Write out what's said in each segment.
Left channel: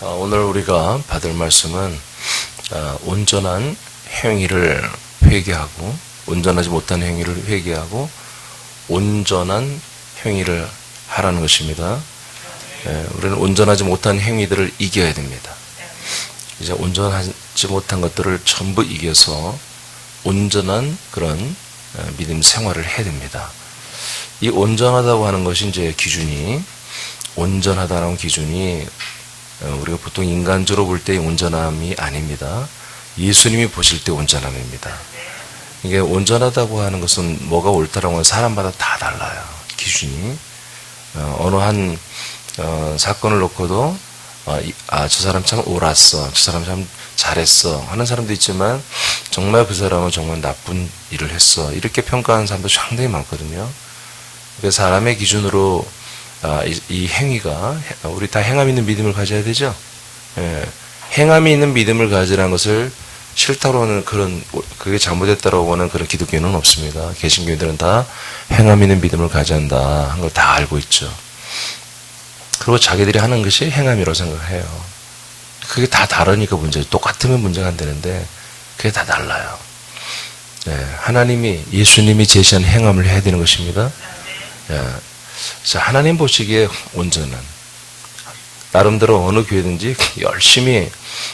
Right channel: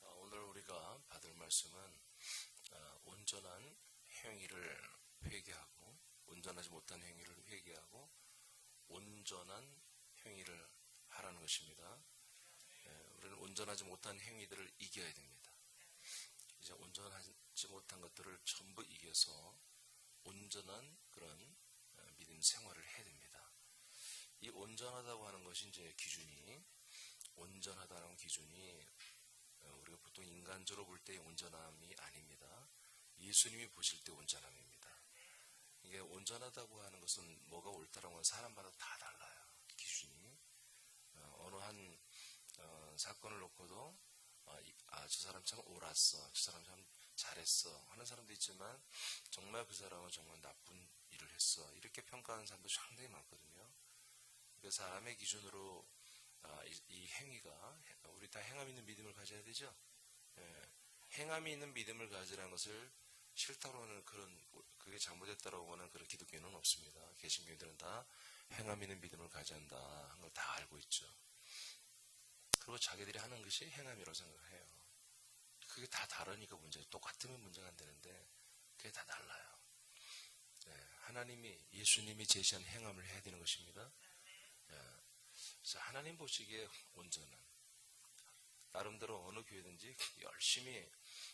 오늘 우리가 받을 말씀은 온전한 행위를 회개하고 온전하지 못한 행위를 회개하고 온전한 행위를 하라는 것입니다. 우리는 온전하지 못한 행위들을 이겨야 됩니다. 이제 온전하지 못한 것들을 전부 이겨서 온전한 그런 믿음 생활을 해야 됩니다. 이 온전하다고 하는 것이 이제 기준이 온전하다는 기준이 우리가 보통 인간적으로 볼 때의 온전함이 아닙니다. 예수님이 보실 때 온전함입니다. 이게 온전하다고 하는 것은 뭐가 옳다라고 하는 사람마다 다 달라요. 기준이. 어느 한 사건을 놓고도 저 사람 참 옳았어, 저 사람 참 잘했어 하는 사람도 있지만 정말 그 사람은 정말 나쁜 일을 했어 이렇게 평가하는 사람도 상당히 많거든요. 그래서 사람의 기준으로 이 행위가 우리 다 행함 있는 믿음을 가져야 되죠. 행함이 있는 믿음을 가지라는 것을 싫다고 하는 그게 잘못됐다고 하는 그런 기독교는 없습니다. 개신교인들은 다 행함 있는 믿음을 가져야 한다 한 걸 다 알고 있죠. 그리고 자기들이 하는 것이 행함이라고 생각해요. 그게 다 다르니까 문제죠. 똑같으면 문제가 안 되는데 그게 다 달라요. 하나님이 예수님이 제시한 행함을 해야 되는 것입니다. 자, 하나님 보시기에 온전한 나름대로 어느 교회든지 열심히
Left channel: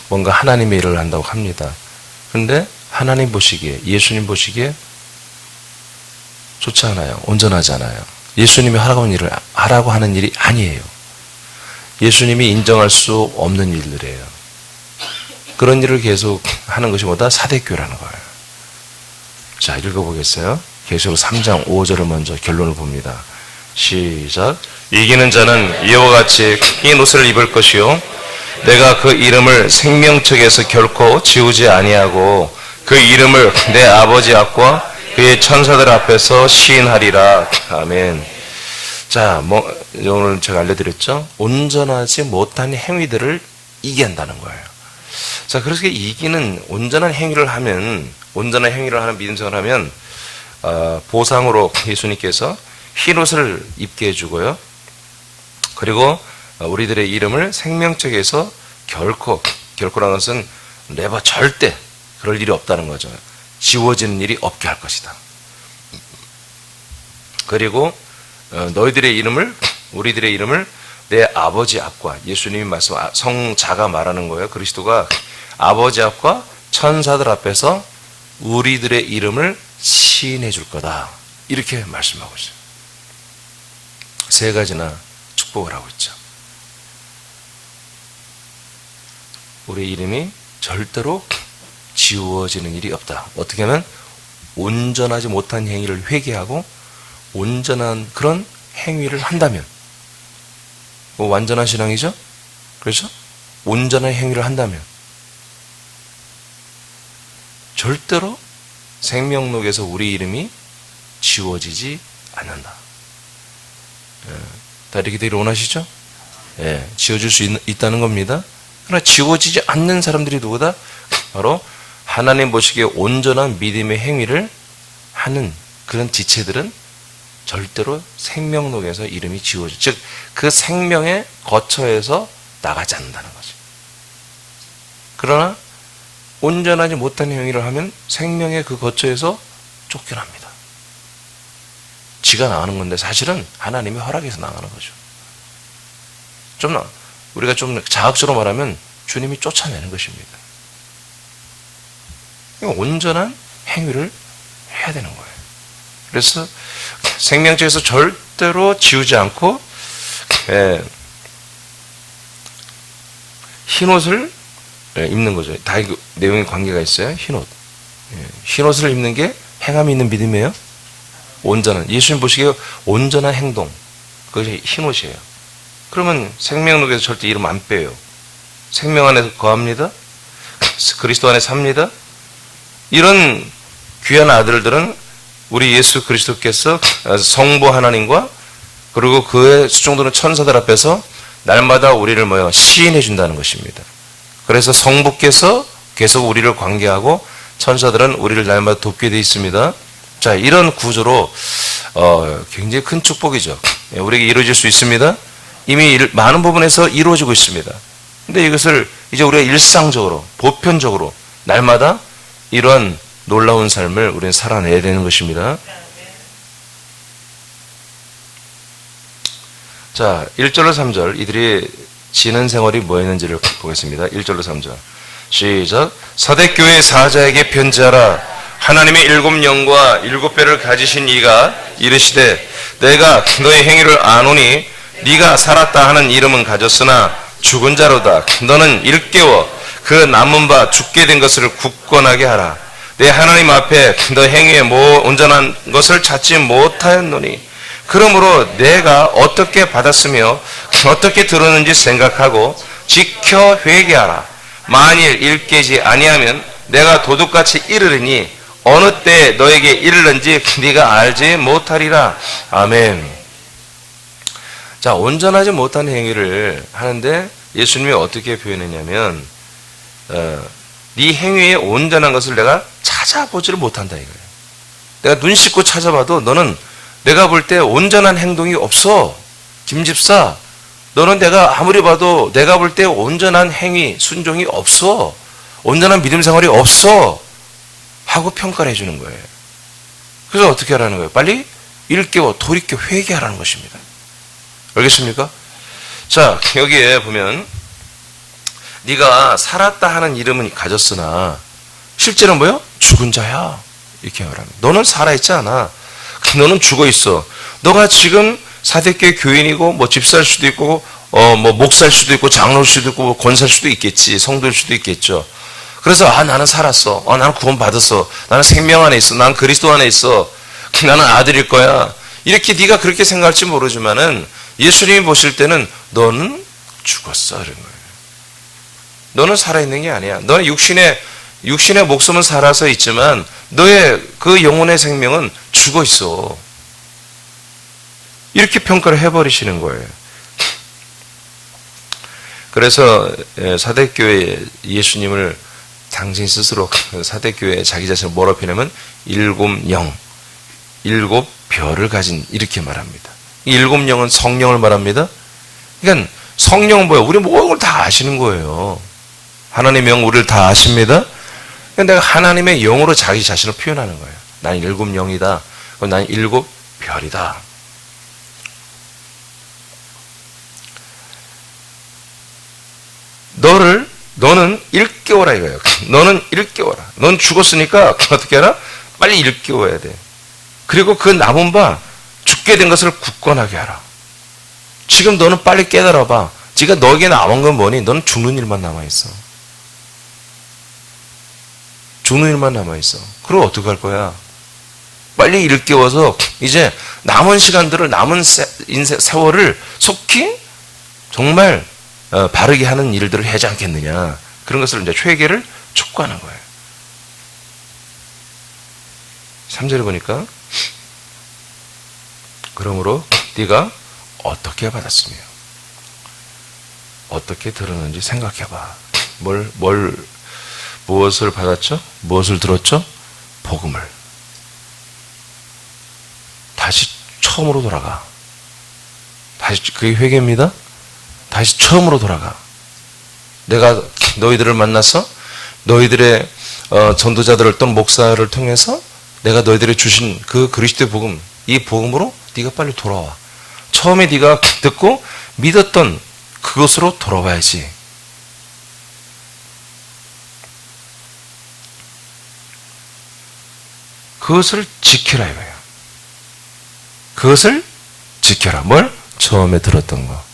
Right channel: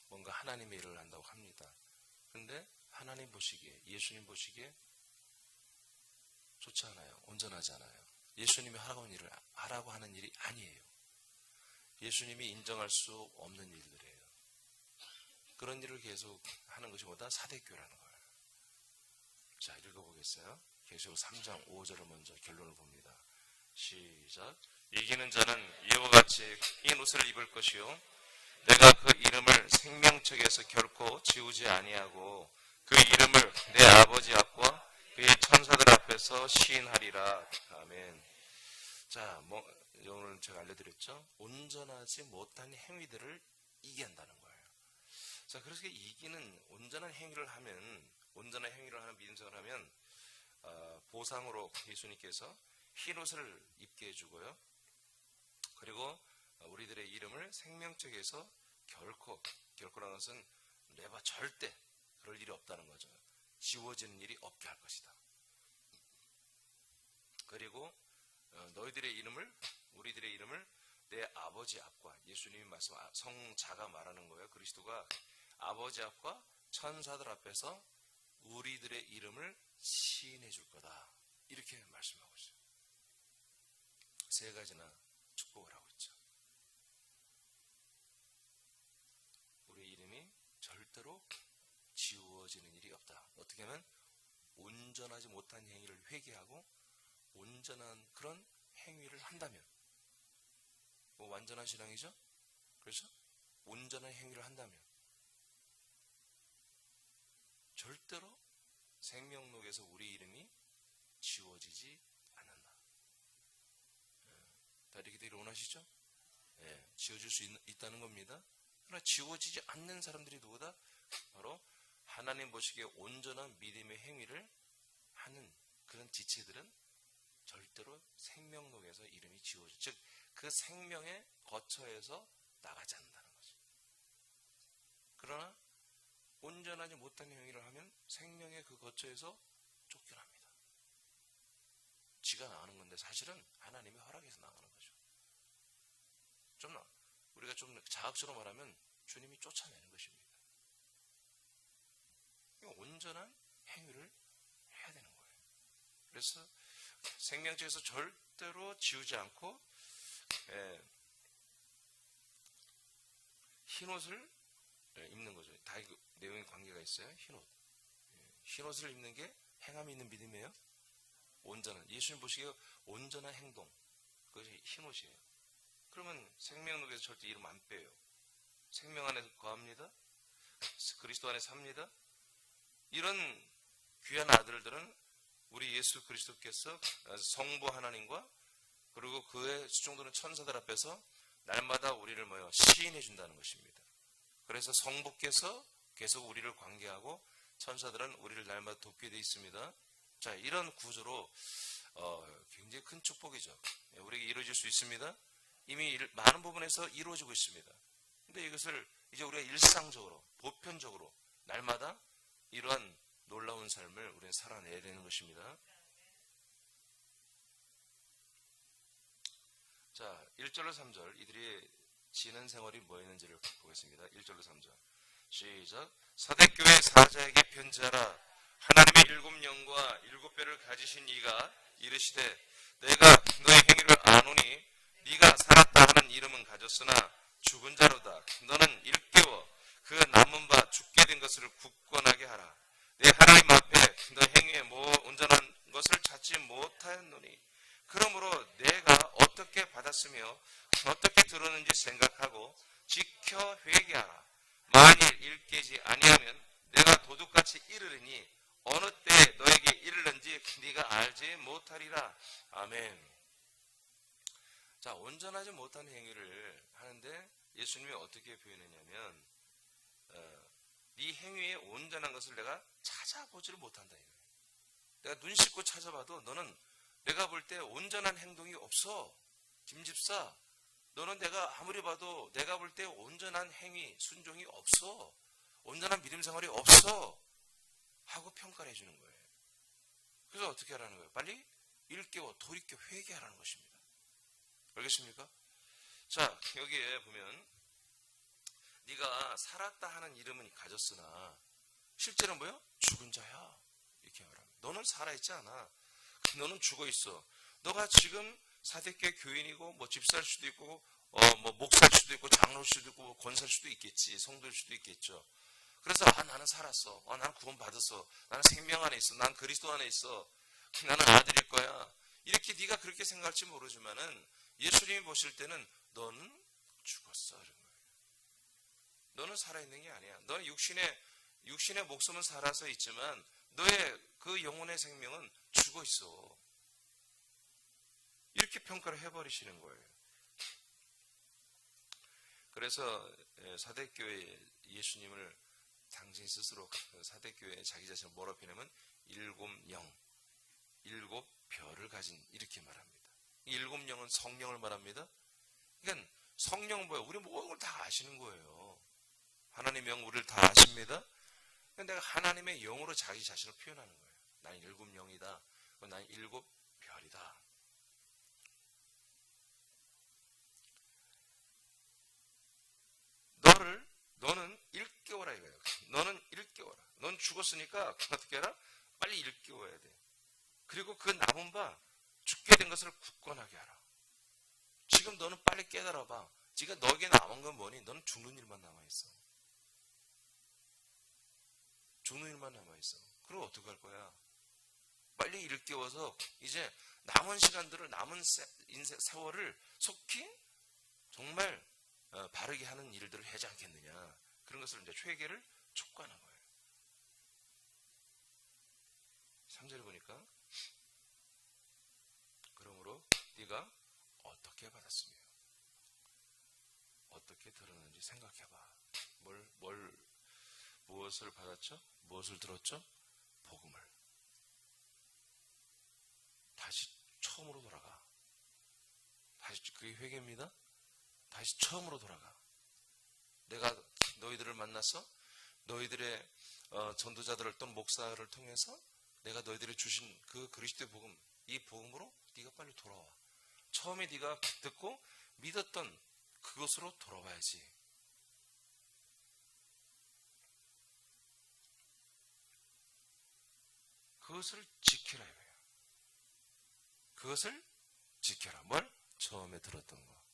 뭔가 하나님의 일을 한다고 합니다. 그런데 하나님 보시기에 예수님 보시기에 좋지 않아요. 온전하지 않아요. 예수님이 하라고 하는 일이 아니에요. 예수님이 인정할 수 없는 일들이에요. 그런 일을 계속 하는 것이 뭐다? 사대교라는 거예요. 자, 읽어보겠어요. 계시록 3장 5절을 먼저 결론을 봅니다. 시작. 이기는 자는 이와 같이 흰 옷을 입을 것이요 내가 그 이름을 생명책에서 결코 지우지 아니하고 그 이름을 내 아버지 앞과 그의 천사들 앞에서 시인하리라. 아멘. 자, 오늘 제가 알려드렸죠. 온전하지 못한 행위들을 이긴다는 거예요. 자, 그래서 이기는 온전한 행위를 하는 믿음 생활을 하면 보상으로 예수님께서 흰 옷을 입게 해주고요. 그리고 우리들의 이름을 생명책에서 결코라는 것은 never 절대 그럴 일이 없다는 거죠. 지워지는 일이 없게 할 것이다. 그리고 우리들의 이름을 내 아버지 앞과 예수님이 말씀 성자가 말하는 거예요. 그리스도가 아버지 앞과 천사들 앞에서 우리들의 이름을 시인해 줄 거다. 이렇게 말씀하고 있어요. 세 가지나 축복을 하고 있죠. 우리 이름이 절대로 지워지는 일이 없다. 어떻게 하면 온전하지 못한 행위를 회개하고 온전한 그런 행위를 한다면 완전한 신앙이죠? 그렇죠? 온전한 행위를 한다면 절대로 생명록에서 우리 이름이 지워지지 않는다. 다 이렇게 되기를 원하시죠? 지워질 수 있다는 겁니다. 그러나 지워지지 않는 사람들이 누구다? 바로 하나님 보시기에 온전한 믿음의 행위를 하는 그런 지체들은 절대로 생명록에서 이름이 지워져. 즉, 그 생명의 거처에서 나가지 않는다는 거죠. 그러나 온전하지 못한 행위를 하면 생명의 그 거처에서 쫓겨납니다. 지가 나가는 건데 사실은 하나님의 허락에서 나가는 거죠. 우리가 좀 자학적으로 말하면 주님이 쫓아내는 것입니다. 온전한 행위를 해야 되는 거예요. 그래서 생명책에서 절대로 지우지 않고 흰 옷을 입는 거죠. 다 내용에 관계가 있어요. 흰 옷. 흰 옷을 입는 게 행함이 있는 믿음이에요. 온전한 예수님 보시기에 온전한 행동 그것이 흰 옷이에요. 그러면 생명록에서 절대 이름 안 빼요. 생명 안에서 거합니다. 그리스도 안에 삽니다. 이런 귀한 아들들은 우리 예수 그리스도께서 성부 하나님과 그리고 그의 수종도는 천사들 앞에서 날마다 우리를 시인해 준다는 것입니다. 그래서 성부께서 계속 우리를 관계하고 천사들은 우리를 날마다 돕게 되어 있습니다. 자, 이런 구조로 굉장히 큰 축복이죠. 우리에게 이루어질 수 있습니다. 이미 많은 부분에서 이루어지고 있습니다. 근데 이것을 이제 우리가 일상적으로, 보편적으로 날마다 이런 놀라운 삶을 우리는 살아내야 되는 것입니다. 자, 1절로 3절 이들이 지는 생활이 뭐였는지를 보겠습니다. 1절로 3절 시작. 사대교회 사자에게 편지하라. 하나님의 7영과 7배를 가지신 이가 이르시되 내가 너의 행위를 아노니 네가 살았다 하는 이름은 가졌으나 죽은 자로다. 너는 일깨워 그 남은 바 죽게 된 것을 굳건하게 하라. 내 하나님 앞에 너 행위에 온전한 것을 찾지 못하였노니 그러므로 내가 어떻게 받았으며 어떻게 들었는지 생각하고 지켜 회개하라. 만일 일깨지 아니하면 내가 도둑같이 이르리니 어느 때 너에게 이르는지 네가 알지 못하리라. 아멘. 자, 온전하지 못한 행위를 하는데 예수님이 어떻게 표현했냐면 네 행위에 온전한 것을 내가 찾아보지를 못한다 이거예요. 내가 눈 씻고 찾아봐도 너는 내가 볼 때 온전한 행동이 없어. 김집사, 너는 내가 아무리 봐도 내가 볼 때 온전한 행위, 순종이 없어. 온전한 믿음 생활이 없어. 하고 평가를 해주는 거예요. 그래서 어떻게 하라는 거예요? 빨리 일깨워 돌이켜 회개하라는 것입니다. 알겠습니까? 자, 여기에 보면 네가 살았다 하는 이름은 가졌으나 실제는 뭐예요? 죽은 자야. 이렇게 말합니다. 너는 살아있지 않아. 너는 죽어있어. 너가 지금 사대교회 교인이고 뭐 집사일 수도 있고 뭐 목사일 수도 있고 장로일 수도 있고 뭐 권사일 수도 있겠지. 성도일 수도 있겠죠. 그래서 나는 살았어. 나는 구원 받았어. 나는 생명 안에 있어. 나는 그리스도 안에 있어. 나는 아들일 거야. 이렇게 네가 그렇게 생각할지 모르지만은 예수님이 보실 때는 너는 죽었어 이런 거예요. 너는 살아있는 게 아니야. 너는 육신의 목숨은 살아서 있지만 너의 그 영혼의 생명은 죽어 있어. 이렇게 평가를 해버리시는 거예요. 그래서 사대교회 예수님을 당신 스스로 사대교회 자기 자신을 뭐라 표현하면 7영, 7별을 가진 이렇게 말합니다. 이 7영은 성령을 말합니다. 그러니까 성령은 뭐예요? 우리 모든 걸 다 아시는 거예요. 하나님의 영 우리를 다 아십니다. 그러니까 내가 하나님의 영으로 자기 자신을 표현하는 거예요. 나는 7영이다. 나는 7별이다. 너는 일깨워라 이거예요. 너는 일깨워라. 넌 죽었으니까 어떻게 하라? 빨리 일깨워야 돼. 그리고 그 남은 바 죽게 된 것을 굳건하게 하라. 지금 너는 빨리 깨달아봐. 지금 너에게 남은 건 뭐니? 너는 죽는 일만 남아있어. 죽는 일만 남아있어. 그럼 어떡할 거야? 빨리 일깨워서 이제 남은 시간들을 남은 인생 세월을 속히 정말 바르게 하는 일들을 하지 않겠느냐. 그런 것을 이제 회개를 촉구하는 거예요. 3절에 보니까 그러므로 네가 어떻게 받았으며 어떻게 들었는지 생각해봐. 무엇을 받았죠? 무엇을 들었죠? 복음을. 다시 처음으로 돌아가. 다시 그게 회개입니다. 다시 처음으로 돌아가. 내가 너희들을 만나서 너희들의 전도자들을 또는 목사를 통해서 내가 너희들이 주신 그 그리스도의 복음, 이 복음으로 네가 빨리 돌아와. 처음에 네가 듣고 믿었던 그것으로 돌아와야지. 그것을 지켜라 이거예요. 그것을 지켜라. 뭘? 처음에 들었던 거.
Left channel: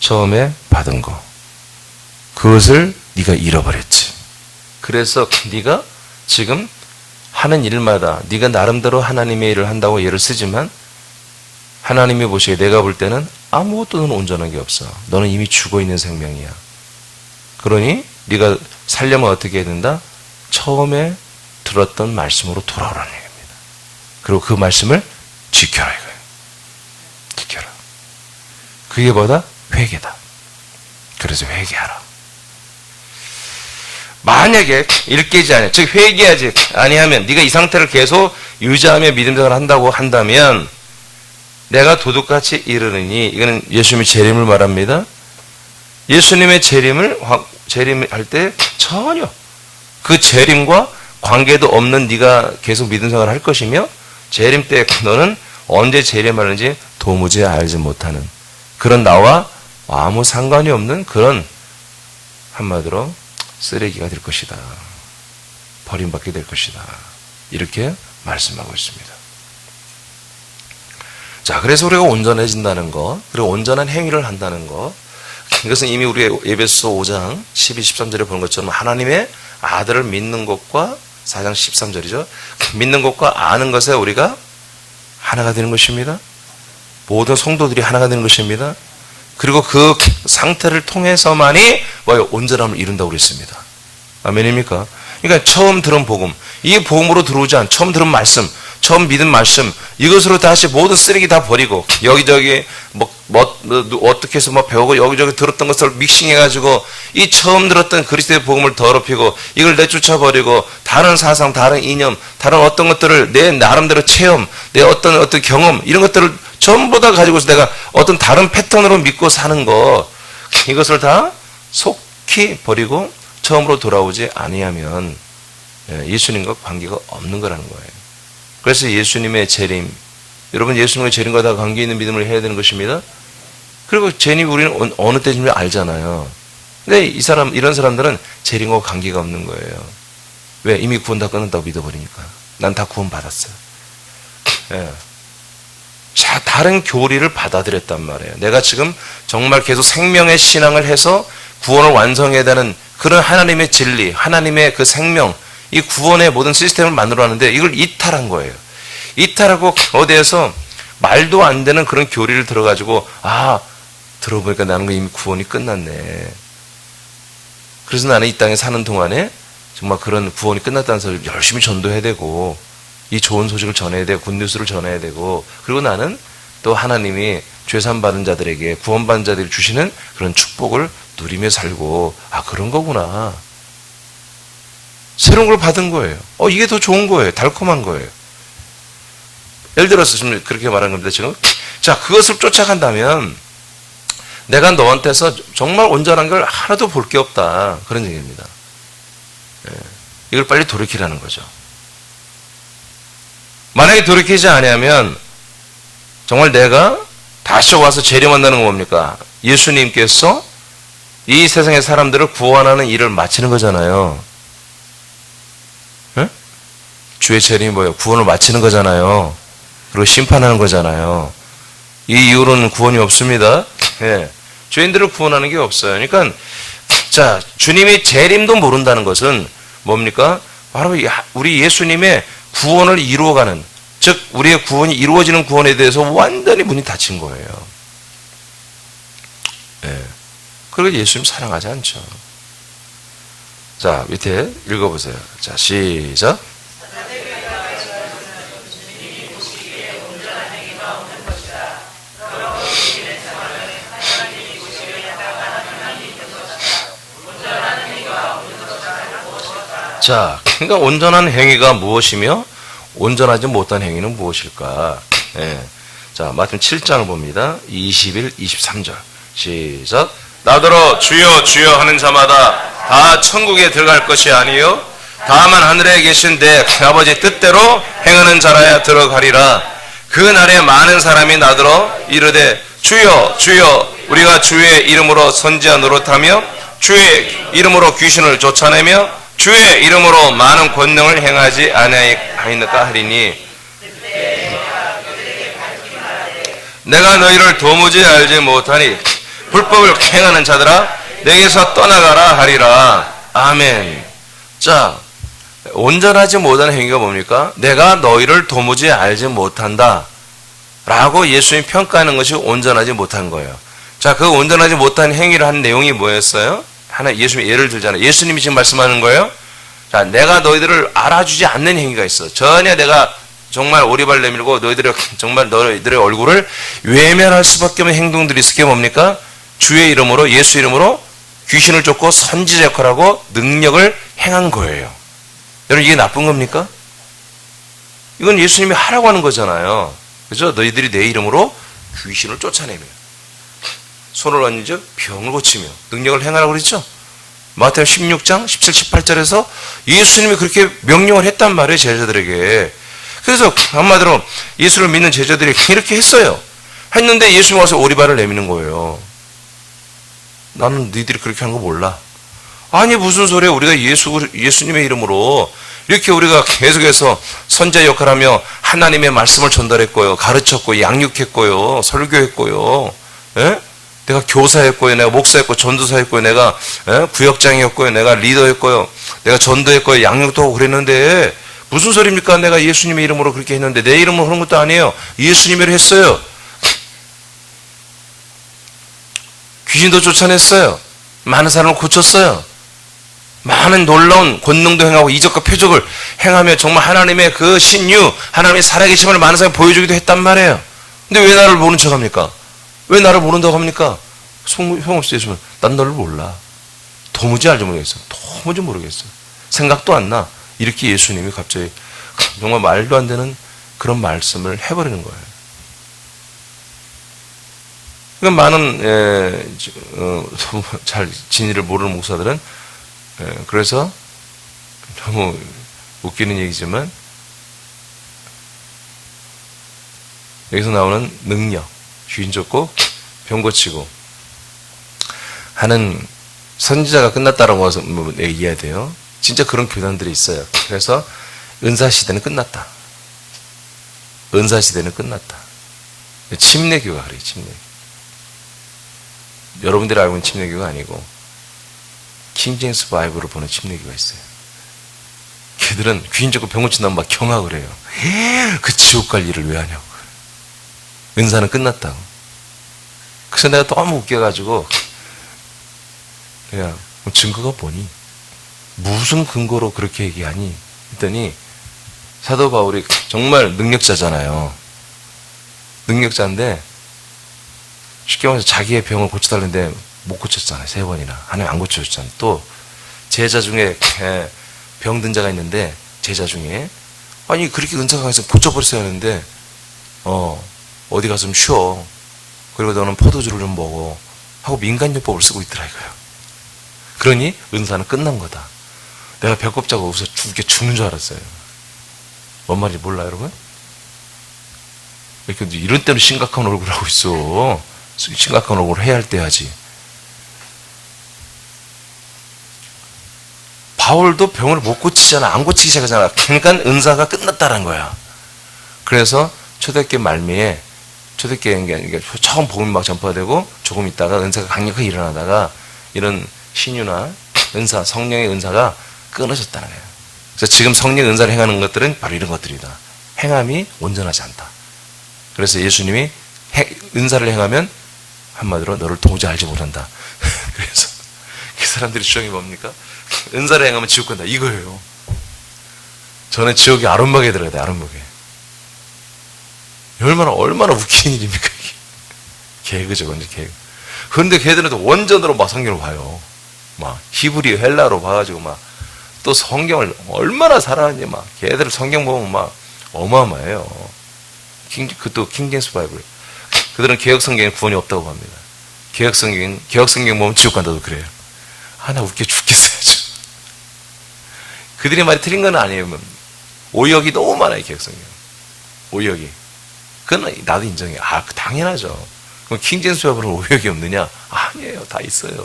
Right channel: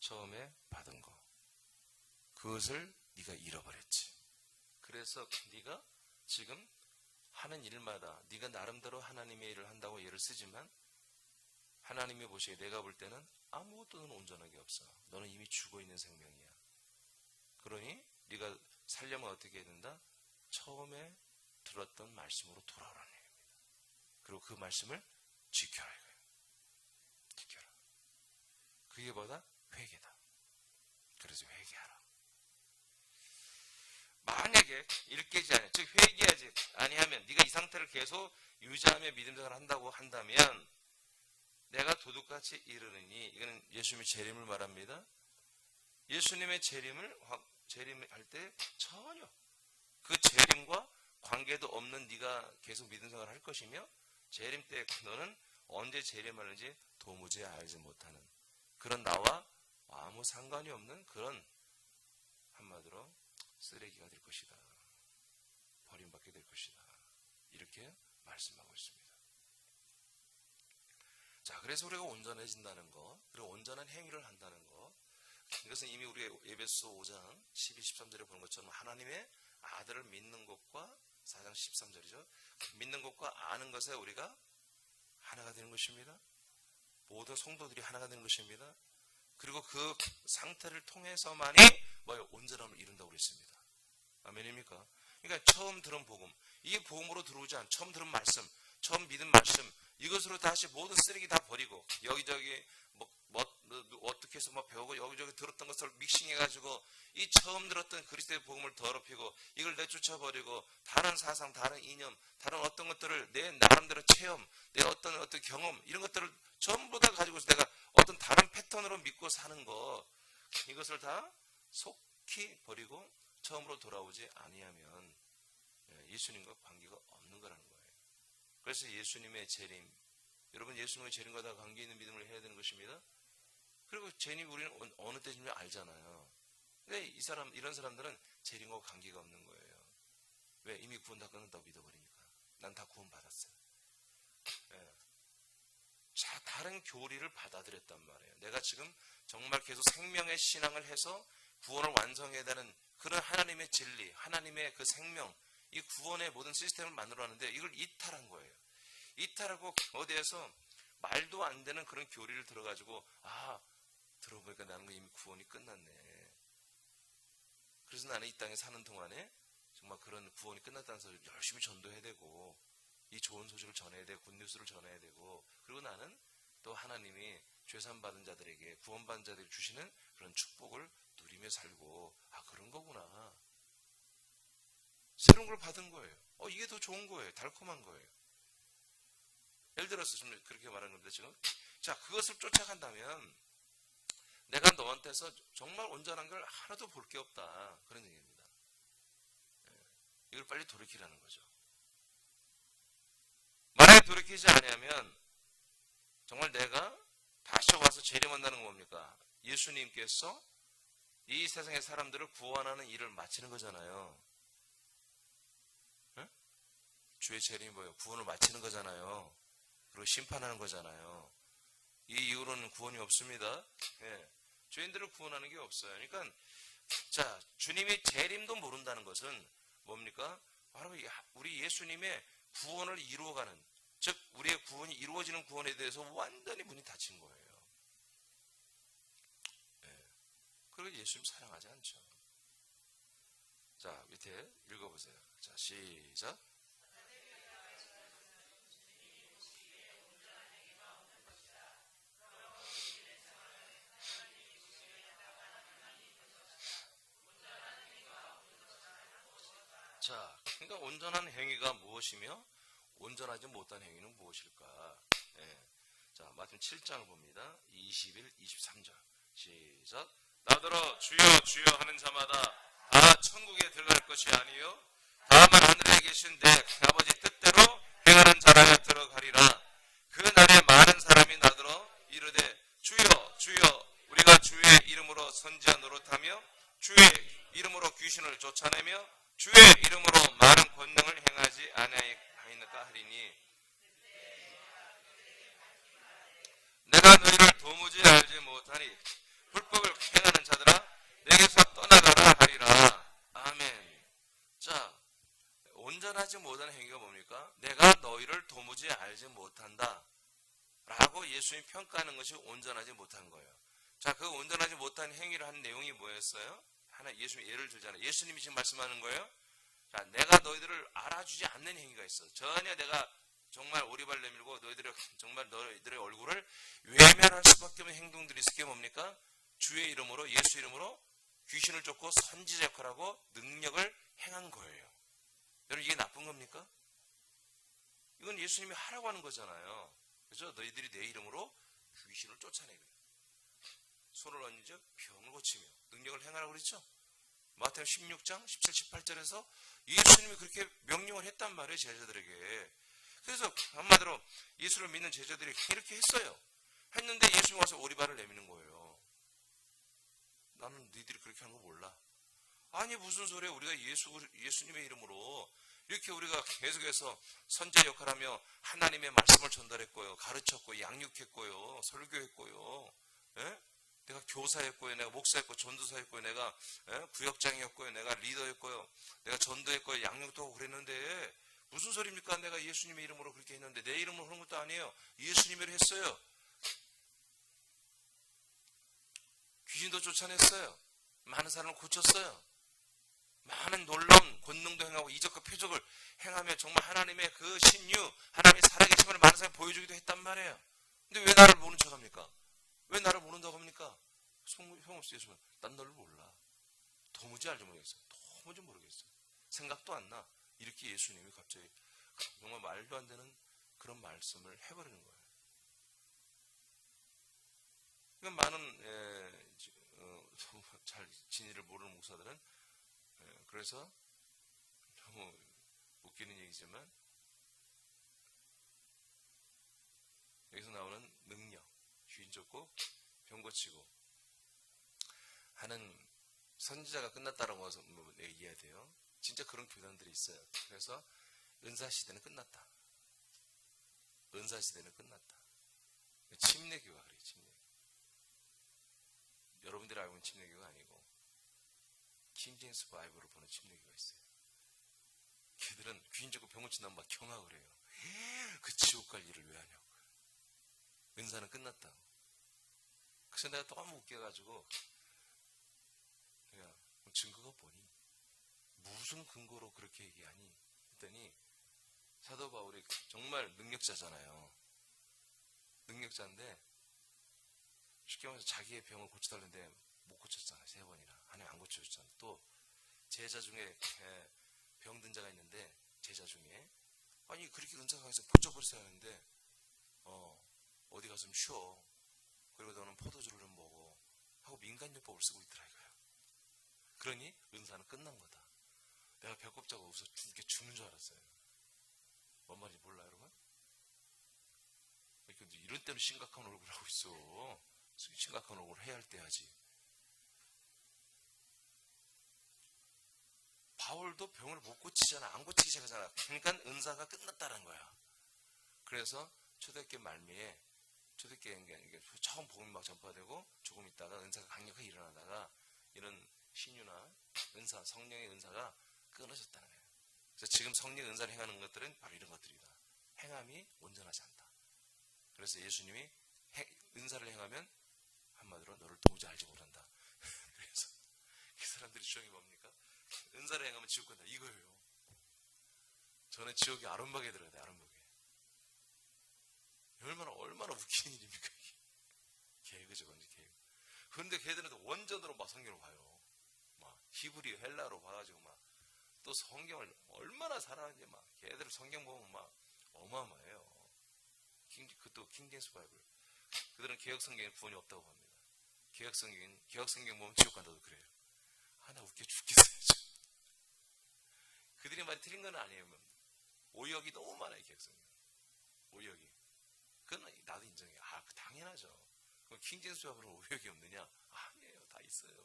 처음에 받은 거. 그것을 네가 잃어버렸지. 그래서 네가 지금 하는 일마다 네가 나름대로 하나님의 일을 한다고 예를 쓰지만 하나님이 보시기에 내가 볼 때는 아무것도 너는 온전한 게 없어. 너는 이미 죽어있는 생명이야. 그러니 네가 살려면 어떻게 해야 된다? 처음에 들었던 말씀으로 돌아오라는 얘기입니다. 그리고 그 말씀을 지켜라 이거예요. 지켜라. 그게 뭐다? 회개다. 그래서 회개하라. 만약에 일깨지 아니하, 즉 회개하지 아니하면 네가 이 상태를 계속 유지하며 믿음생활을 한다고 한다면 내가 도둑같이 이르느니, 이거는 예수님이 재림을 말합니다. 예수님의 재림할 때 전혀 그 재림과 관계도 없는 네가 계속 믿음 생활을 할 것이며, 재림 때 너는 언제 재림하는지 도무지 알지 못하는 그런 나와 아무 상관이 없는 그런, 한마디로 쓰레기가 될 것이다. 버림받게 될 것이다. 이렇게 말씀하고 있습니다. 자, 그래서 우리가 온전해진다는 것, 그리고 온전한 행위를 한다는 것, 이것은 이미 우리 에베소 5장 12, 13절에 보는 것처럼 하나님의 아들을 믿는 것과, 4장 13절이죠. 믿는 것과 아는 것에 우리가 하나가 되는 것입니다. 모든 성도들이 하나가 되는 것입니다. 그리고 그 상태를 통해서만이 뭐예요? 온전함을 이룬다고 그랬습니다. 아멘입니까? 그러니까 처음 들은 복음, 이 복음으로 들어오지 않은 처음 들은 말씀, 처음 믿은 말씀, 이것으로 다시 모든 쓰레기 다 버리고 여기저기 어떻게 해서 배우고 여기저기 들었던 것을 믹싱해가지고 이 처음 들었던 그리스도의 복음을 더럽히고 이걸 내쫓아 버리고 다른 사상, 다른 이념, 다른 어떤 것들을 내 나름대로 체험, 내 어떤 경험, 이런 것들을 전부 다 가지고서 내가 어떤 다른 패턴으로 믿고 사는 것, 이것을 다 속히 버리고 처음으로 돌아오지 아니하면 예수님과 관계가 없는 거라는 거예요. 그래서 예수님의 재림, 여러분 예수님의 재림과 다 관계 있는 믿음을 해야 되는 것입니다. 그리고 재림 우리는 어느 때인지 알잖아요. 근데 이런 사람들은 재림과 관계가 없는 거예요. 왜? 이미 구원 다 끝났다고 믿어버리니까. 난 다 구원 받았어요. 예. 자, 다른 교리를 받아들였단 말이에요. 내가 지금 정말 계속 생명의 신앙을 해서 구원을 완성해야 되는 그런 하나님의 진리, 하나님의 그 생명, 이 구원의 모든 시스템을 만들어놨는데 이걸 이탈한 거예요. 이탈하고 어디에서 말도 안 되는 그런 교리를 들어가지고, 들어보니까 나는 이미 구원이 끝났네. 그래서 나는 이 땅에 사는 동안에 정말 그런 구원이 끝났다는 소리를 열심히 전도해야 되고, 이 좋은 소식을 전해야 되고, 굿뉴스를 전해야 되고, 그리고 나는 또 하나님이 죄산받은 자들에게, 구원받은 자들이 주시는 그런 축복을 누리며 살고, 그런 거구나. 새로운 걸 받은 거예요. 이게 더 좋은 거예요. 달콤한 거예요. 예를 들어서 지금 그렇게 말한 겁니다, 지금. 자, 그것을 쫓아간다면 내가 너한테서 정말 온전한 걸 하나도 볼 게 없다. 그런 얘기입니다. 이걸 빨리 돌이키라는 거죠. 만약에 돌이키지 않으면 정말 내가 다시 와서 재림한다는 건 뭡니까? 예수님께서 이 세상의 사람들을 구원하는 일을 마치는 거잖아요. 네? 주의 재림이 뭐예요? 구원을 마치는 거잖아요. 그리고 심판하는 거잖아요. 이 이후로는 구원이 없습니다. 네. 죄인들을 구원하는 게 없어요. 그러니까 자, 주님이 재림도 모른다는 것은 뭡니까? 바로 우리 예수님의 구원을 이루어가는, 즉 우리의 구원이 이루어지는 구원에 대해서 완전히 문이 닫힌 거예요. 네. 그리고 예수님 사랑하지 않죠. 자, 밑에 읽어보세요. 자, 시작. 자, 그러니까 온전한 행위가 무엇이며 온전하지 못한 행위는 무엇일까? 예. 자, 마태복음 7장을 봅니다. 21, 23절. 시작. 나더러 주여 주여 하는 자마다 다 천국에 들어갈 것이 아니요 다만 하늘에 계신 내 아버지 뜻대로 행하는 자라야 들어가리라. 그 날에 많은 사람이 나더러 이르되 주여 주여 우리가 주의 이름으로 선지자 노릇하며 주의 이름으로 귀신을 쫓아내며 주의 이름으로 많은 권능을 행하지 아니하였나까 하리니 내가 너희를 도무지 알지 못하니 불법을 행하는 자들아 내게서 떠나가라 하리라. 아멘. 자, 온전하지 못한 행위가 뭡니까? 내가 너희를 도무지 알지 못한다 라고 예수님 평가하는 것이 온전하지 못한 거예요. 자, 그 온전하지 못한 행위를 한 내용이 뭐였어요? 예수님이 예를 들잖아요. 예수님이 지금 말씀하는 거예요. 자, 내가 너희들을 알아주지 않는 행위가 있어. 전혀 내가 정말 오리발 내밀고 너희들의 얼굴을 외면할 수밖에 없는 행동들이 있을 게 뭡니까? 주의 이름으로, 예수 이름으로 귀신을 쫓고 선지자 역할하고 능력을 행한 거예요. 여러분, 이게 나쁜 겁니까? 이건 예수님이 하라고 하는 거잖아요. 그죠? 너희들이 내 이름으로 귀신을 쫓아내며. 손을 얹어 병을 고치며 능력을 행하라고 그랬죠. 마태복음 16장 17, 18절에서 예수님이 그렇게 명령을 했단 말이에요, 제자들에게. 그래서 한마디로 예수를 믿는 제자들이 이렇게 했어요. 했는데 예수님이 와서 오리발을 내미는 거예요. 나는 너희들이 그렇게 하는 거 몰라. 아니 무슨 소리야. 우리가 예수님의 이름으로 이렇게 우리가 계속해서 선자 역할하며 하나님의 말씀을 전달했고요. 가르쳤고 양육했고요. 설교했고요. 예? 내가 교사였고요. 내가 목사였고 전도사였고요. 내가 구역장이었고요. 내가 리더였고요. 내가 전도했고요. 양육도 하고 그랬는데 무슨 소리입니까? 내가 예수님의 이름으로 그렇게 했는데 내 이름으로 그런 것도 아니에요. 예수님으로 했어요. 귀신도 쫓아냈어요. 많은 사람을 고쳤어요. 많은 놀라운 권능도 행하고 이적과 표적을 행하며 정말 하나님의 그 신유, 하나님의 살아계심을 많은 사람이 보여주기도 했단 말이에요. 근데 왜 나를 모른 척 합니까? 왜 나를 모른다고 합니까? 소용없어 예수님. 난 너를 몰라. 도무지 알지 모르겠어. 도무지 모르겠어. 생각도 안 나. 이렇게 예수님이 갑자기 정말 말도 안 되는 그런 말씀을 해버리는 거예요. 그러니까 많은 잘 진리를 모르는 목사들은 그래서 너무 웃기는 얘기지만 여기서 나오는 능력, 귀인 쫓고 병 고치고 하는 선지자가 끝났다라고 얘기해야 돼요. 진짜 그런 교단들이 있어요. 그래서 은사시대는 끝났다. 은사시대는 끝났다. 침례교가 그래요. 침례교. 여러분들이 알고 있는 침례교가 아니고 킹제임스 바이블을 보는 침례교가 있어요. 걔들은 귀인 쫓고 병 고친다면 막 경악을 해요. 그 지옥 갈 일을 왜 하냐고. 은사는 끝났다고. 그래서 내가 너무 웃겨가지고 그냥 증거가 뭐니? 무슨 근거로 그렇게 얘기하니? 했더니 사도 바울이 정말 능력자잖아요. 능력자인데 쉽게 말해서 자기의 병을 고쳐달는데 못 고쳤잖아요. 3번이나. 하나님 안 고쳐줬잖아요. 또 제자 중에 병든 자가 있는데 제자 중에 아니 그렇게 은사가 강해서 고쳐버렸어야 하는데 어디 가서 좀 쉬어. 그리고 너는 포도주를 좀 먹어. 하고 민간요법을 쓰고 있더라고요. 그러니 은사는 끝난 거다. 내가 배꼽 잡고 웃어 죽는 줄 알았어요. 뭔 말인지 몰라 여러분? 이렇게 이런 때는 심각한 얼굴을 하고 있어. 심각한 얼굴을 해야 할 때 하지. 바울도 병을 못 고치잖아. 안 고치기 시작하잖아. 그러니까 은사가 끝났다는 거야. 그래서 초대교회 말미에 초대교회 처음 복음이 막 전파되고 조금 있다가 은사가 강력하게 일어나다가 이런 신유나 은사, 성령의 은사가 끊어졌다는 거예요. 그래서 지금 성령 은사를 행하는 것들은 바로 이런 것들이다. 행함이 온전하지 않다. 그래서 예수님이 은사를 행하면 한마디로 너를 도무지 알지 못한다. 그래서 그 사람들이 주장이 뭡니까? 은사를 행하면 지옥 간다. 이거예요. 저는 지옥에 아름막에 들어가야 돼. 아름막에. 얼마나 웃긴 일입니까? 이게. 개그죠. 완전 개그. 그런데 걔들은 또 원전으로 막 성경을 봐요. 막 히브리 헬라로 봐가지고 막 또 성경을 얼마나 사랑하는지 막 걔들 성경 보면 막 어마어마해요. 또 킹제임스 바이블. 그들은 개혁 성경에 구원이 없다고 합니다. 개혁 성경 보면 지옥 간다도 그래요. 나 웃겨 죽겠어요. 그들의 말이 틀린 건 아니에요. 오역이 너무 많아요. 개혁 성경. 오역이. 그건 나도 인정해요. 당연하죠. 그럼 킹제임스 바이블은 오역이 없느냐? 아니에요. 다 있어요.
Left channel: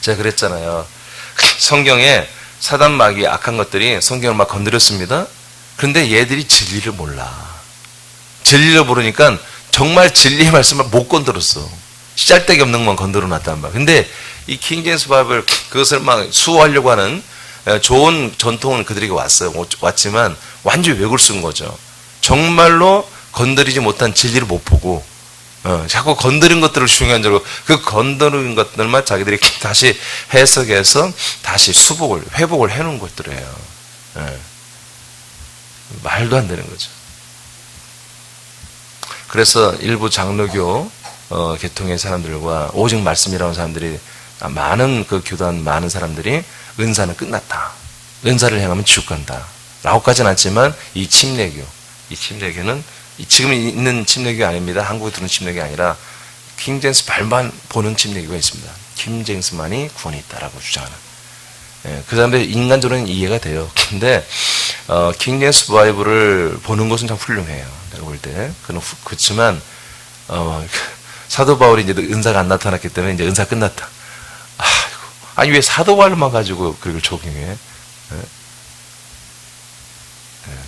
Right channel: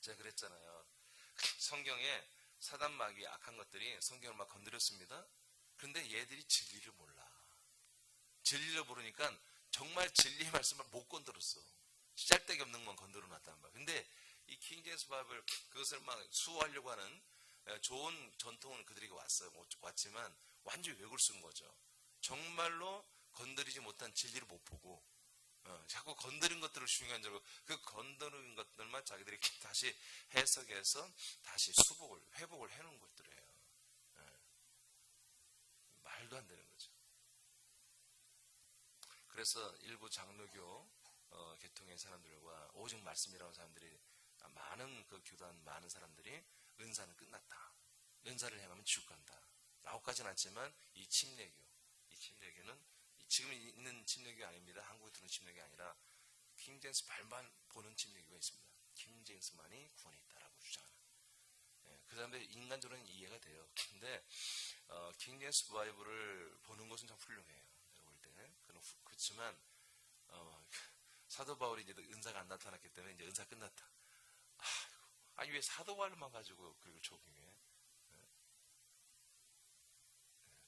제가 그랬잖아요. 성경에 사단 마귀 악한 것들이 성경을 막 건드렸습니다. 그런데 얘들이 진리를 몰라. 진리를 모르니까 정말 진리의 말씀을 못 건드렸어. 짤데기 없는 것만 건드려 놨단 말이야. 근데 이 킹제임스 바이블 그것을 막 수호하려고 하는 좋은 전통은 그들에게 왔지만 완전히 왜곡을 쓴 거죠. 정말로 건드리지 못한 진리를 못 보고 자꾸 건드린 것들을 중요한 줄 알고 그 건드린 것들만 자기들이 다시 해석해서 다시 회복을 해놓은 것들이에요. 말도 안 되는 거죠. 그래서 일부 장로교 계통의 사람들과 오직 말씀이라는 사람들이 많은 그 교단 많은 사람들이 은사는 끝났다. 은사를 행하면 지옥 간다. 라고까지는 않지만 이 침례교는 지금 있는 침례교 아닙니다. 한국에 들어온 침례교 아니라 킹 제임스 발만 보는 침례교가 있습니다. 킹 제임스만이 구원이 있다라고 주장하는. 그 사람들 인간적으로는 이해가 돼요. 근데 킹 제임스 바이블을 보는 것은 참 훌륭해요. 내가 볼 때. 그렇지만 사도 바울이 이제 은사가 안 나타났기 때문에 이제 은사 끝났다. 아니 왜 사도 바울만 가지고 그걸 적용해?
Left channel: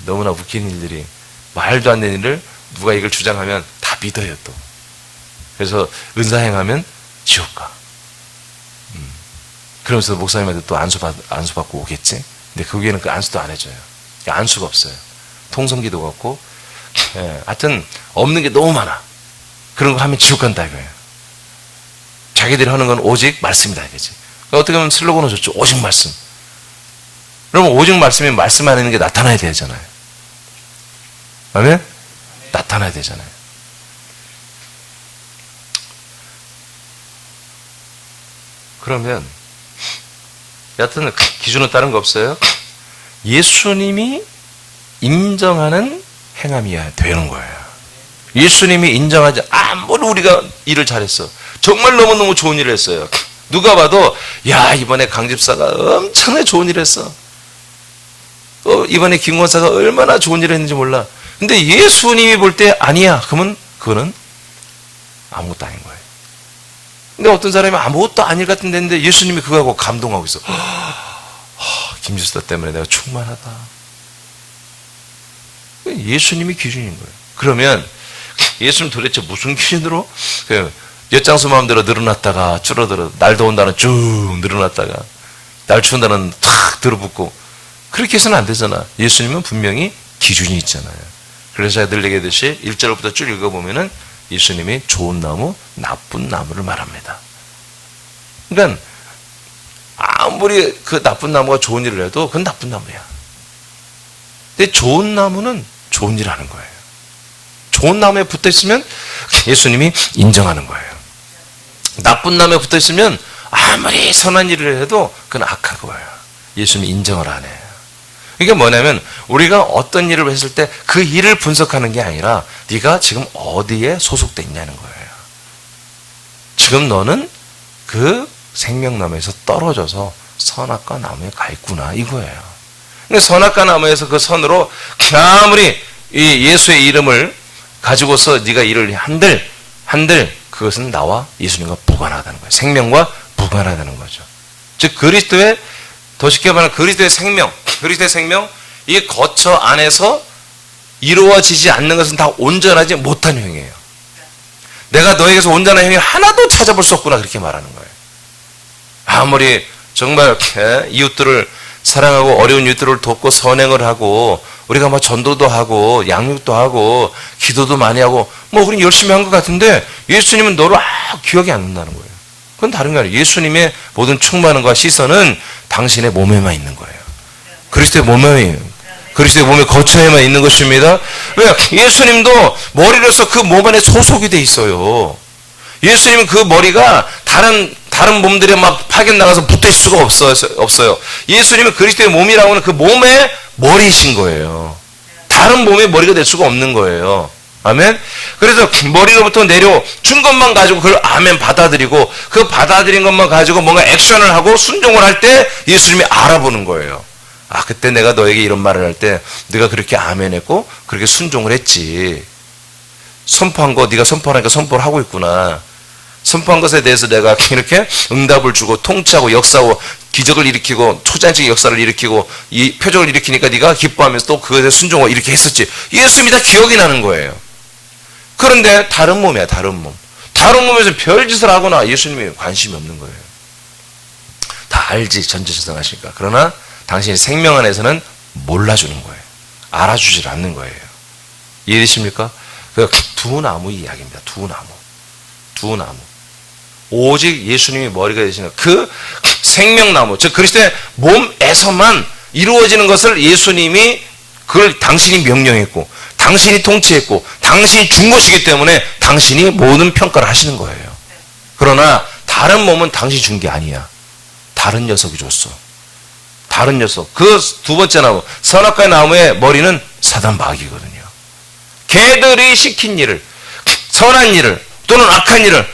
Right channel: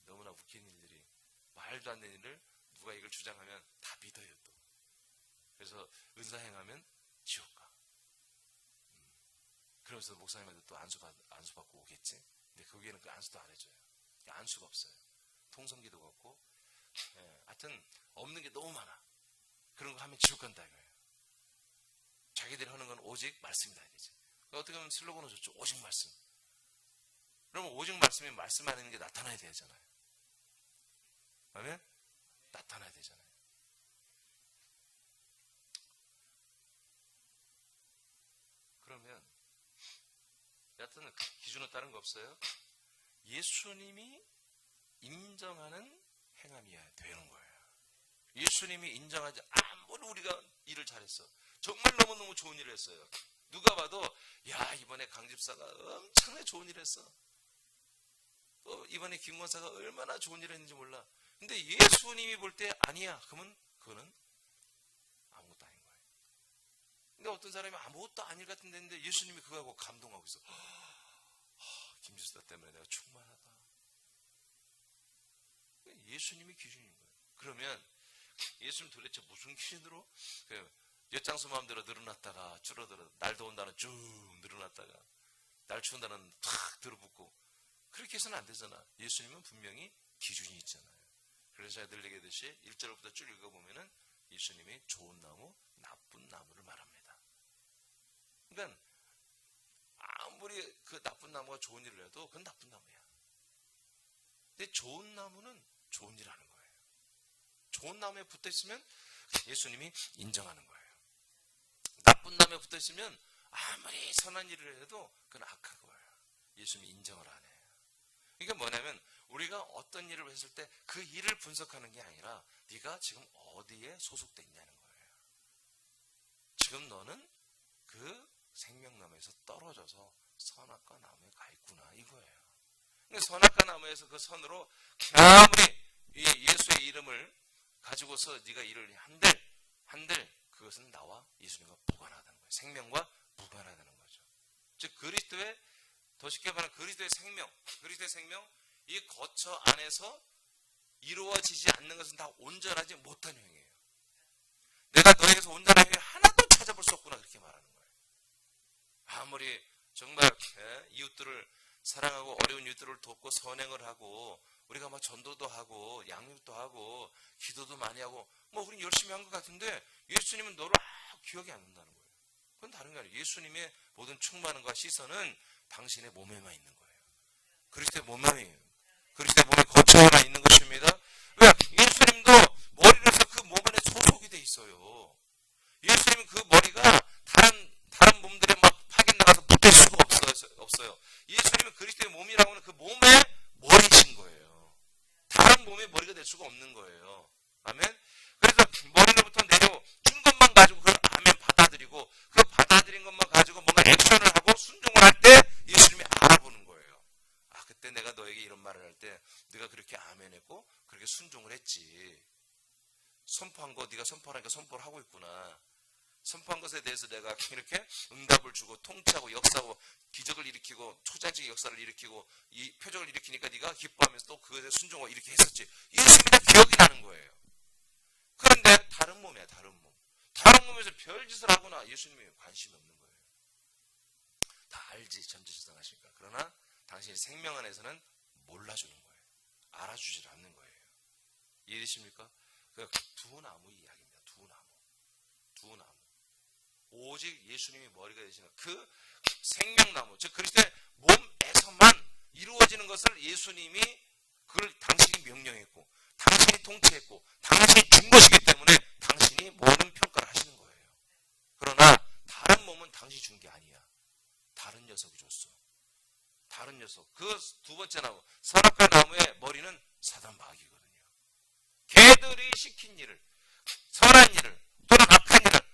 너무나 웃긴 일들이, 말도 안 되는 일을 누가 이걸 주장하면 다 믿어요 또. 그래서 은사 행하면 지옥 가. 그러면서 목사님한테 또 안수 받고 오겠지. 근데 거기에는 그 안수도 안 해줘요. 안수가 없어요. 통성기도가 없고. 하여튼 없는 게 너무 많아. 그런 거 하면 지옥 간다 이거예요. 자기들이 하는 건 오직 말씀이다 이거지. 그러니까 어떻게 보면 슬로건은 좋죠. 오직 말씀. 그러면 오직 말씀이 말씀 안에 있는 게 나타나야 되잖아요. 아멘? 나타나야 되잖아요. 그러면 여하튼 기준은 다른 거 없어요. 예수님이 인정하는 행함이야 되는 거예요. 예수님이 인정하지, 아무리 우리가 일을 잘했어, 정말 너무너무 좋은 일을 했어요. 누가 봐도 야 이번에 강 집사가 엄청나게 좋은 일을 했어. 이번에 김 권사가 얼마나 좋은 일을 했는지 몰라. 근데 예수님이 볼 때 아니야. 그러면 그거는 아무것도 아닌 거예요. 근데 어떤 사람이 아무것도 아닐 같은 데인데 예수님이 그거하고 감동하고 있어. 김 집사 때문에 내가 충만하다. 예수님이 기준인 거예요. 그러면 예수님 도대체 무슨 기준으로 엿장수 마음대로 늘어났다가 줄어들어, 날 더운 날은 쭉 늘어났다가 날 추운 날은 탁 들어붙고, 그렇게 해서는 안 되잖아. 예수님은 분명히 기준이 있잖아요. 그래서 제가 늘 얘기했듯이 1절부터 쭉 읽어보면은 예수님이 좋은 나무, 나쁜 나무를 말합니다. 그러니까 아무리 그 나쁜 나무가 좋은 일을 해도 그건 나쁜 나무야. 근데 좋은 나무는 좋은 일을 하는 거예요. 좋은 나무에 붙어 있으면 예수님이 인정하는 거예요. 나쁜 나무에 붙어 있으면 아무리 선한 일을 해도 그건 악한 거예요. 예수님이 인정을 안 해요. 이게 뭐냐면 우리가 어떤 일을 했을 때 그 일을 분석하는 게 아니라 네가 지금 어디에 소속돼 있냐는 거예요. 지금 너는 그 생명나무에서 떨어져서 선악과 나무에 가 있구나 이거예요. 근데 선악과 나무에서 그 선으로 아무리 이 예수의 이름을 가지고서 네가 일을 한들 그것은 나와 예수님과 무관하다는 거예요. 생명과 무관하다는 거죠. 즉 그리스도의, 더 쉽게 말하면 그리스도의 생명, 이 거처 안에서 이루어지지 않는 것은 다 온전하지 못한 행위예요. 내가 너에게서 온전한 행위 하나도 찾아볼 수 없구나 그렇게 말하는 거예요. 아무리 정말 이웃들을 사랑하고 어려운 이웃들을 돕고 선행을 하고 우리가 뭐 전도도 하고 양육도 하고 기도도 많이 하고 뭐 우린 열심히 한 것 같은데 예수님은 너를 기억이 안 난다는 거예요. 그건 다른 게 아니에요. 예수님의 모든 충만함과 시선은 당신의 몸에만 있는 거예요. 그리스도의 몸의 거처에만 있는 것입니다. 왜? 예수님도 머리로서 그 몸 안에 소속이 돼 있어요. 예수님은 그 머리가 다른 몸들에 막 파견 나가서 붙어 있을 수가 없어요. 예수님은 그리스도의 몸이라고 하는 그 몸의 머리이신 거예요. 다른 몸의 머리가 될 수가 없는 거예요. 아멘? 그래서 머리로부터 내려준 것만 가지고 그걸 아멘 받아들이고 그 받아들인 것만 가지고 뭔가 액션을 하고 순종을 할 때 예수님이 알아보는 거예요. 아, 그때 내가 너에게 이런 말을 할 때 네가 그렇게 아멘 했고 그렇게 순종을 했지. 선포한 거 네가 선포하니까 선포를 하고 있구나. 선포한 것에 대해서 내가 이렇게 응답을 주고 통치하고 역사하고 기적을 일으키고 초자연적인 역사를 일으키고 이 표적을 일으키니까 네가 기뻐하면서 또 그것에 순종을 이렇게 했었지. 예수님이 다 기억이 나는 거예요. 그런데 다른 몸이야, 다른 몸. 다른 몸에서 별짓을 하거나 예수님이 관심이 없는 거예요. 다 알지, 전지전능하시니까. 그러나 당신의 생명 안에서는 몰라주는 거예요. 알아주질 않는 거예요. 이해되십니까? 그 두 나무 이야기입니다. 두 나무. 오직 예수님이 머리가 되시는 그 생명나무, 즉 그리스도의 몸에서만 이루어지는 것을 예수님이 그걸 당신이 명령했고 당신이 통치했고 당신이 준 것이기 때문에 당신이 모든 평가를 하시는 거예요. 그러나 다른 몸은 당신이 준 게 아니야. 다른 녀석이 줬어. 다른 녀석. 그 두 번째 나무, 선악과의 나무의 머리는 사단 마귀거든요. 걔들이 시킨 일을, 선한 일을 또는 악한 일을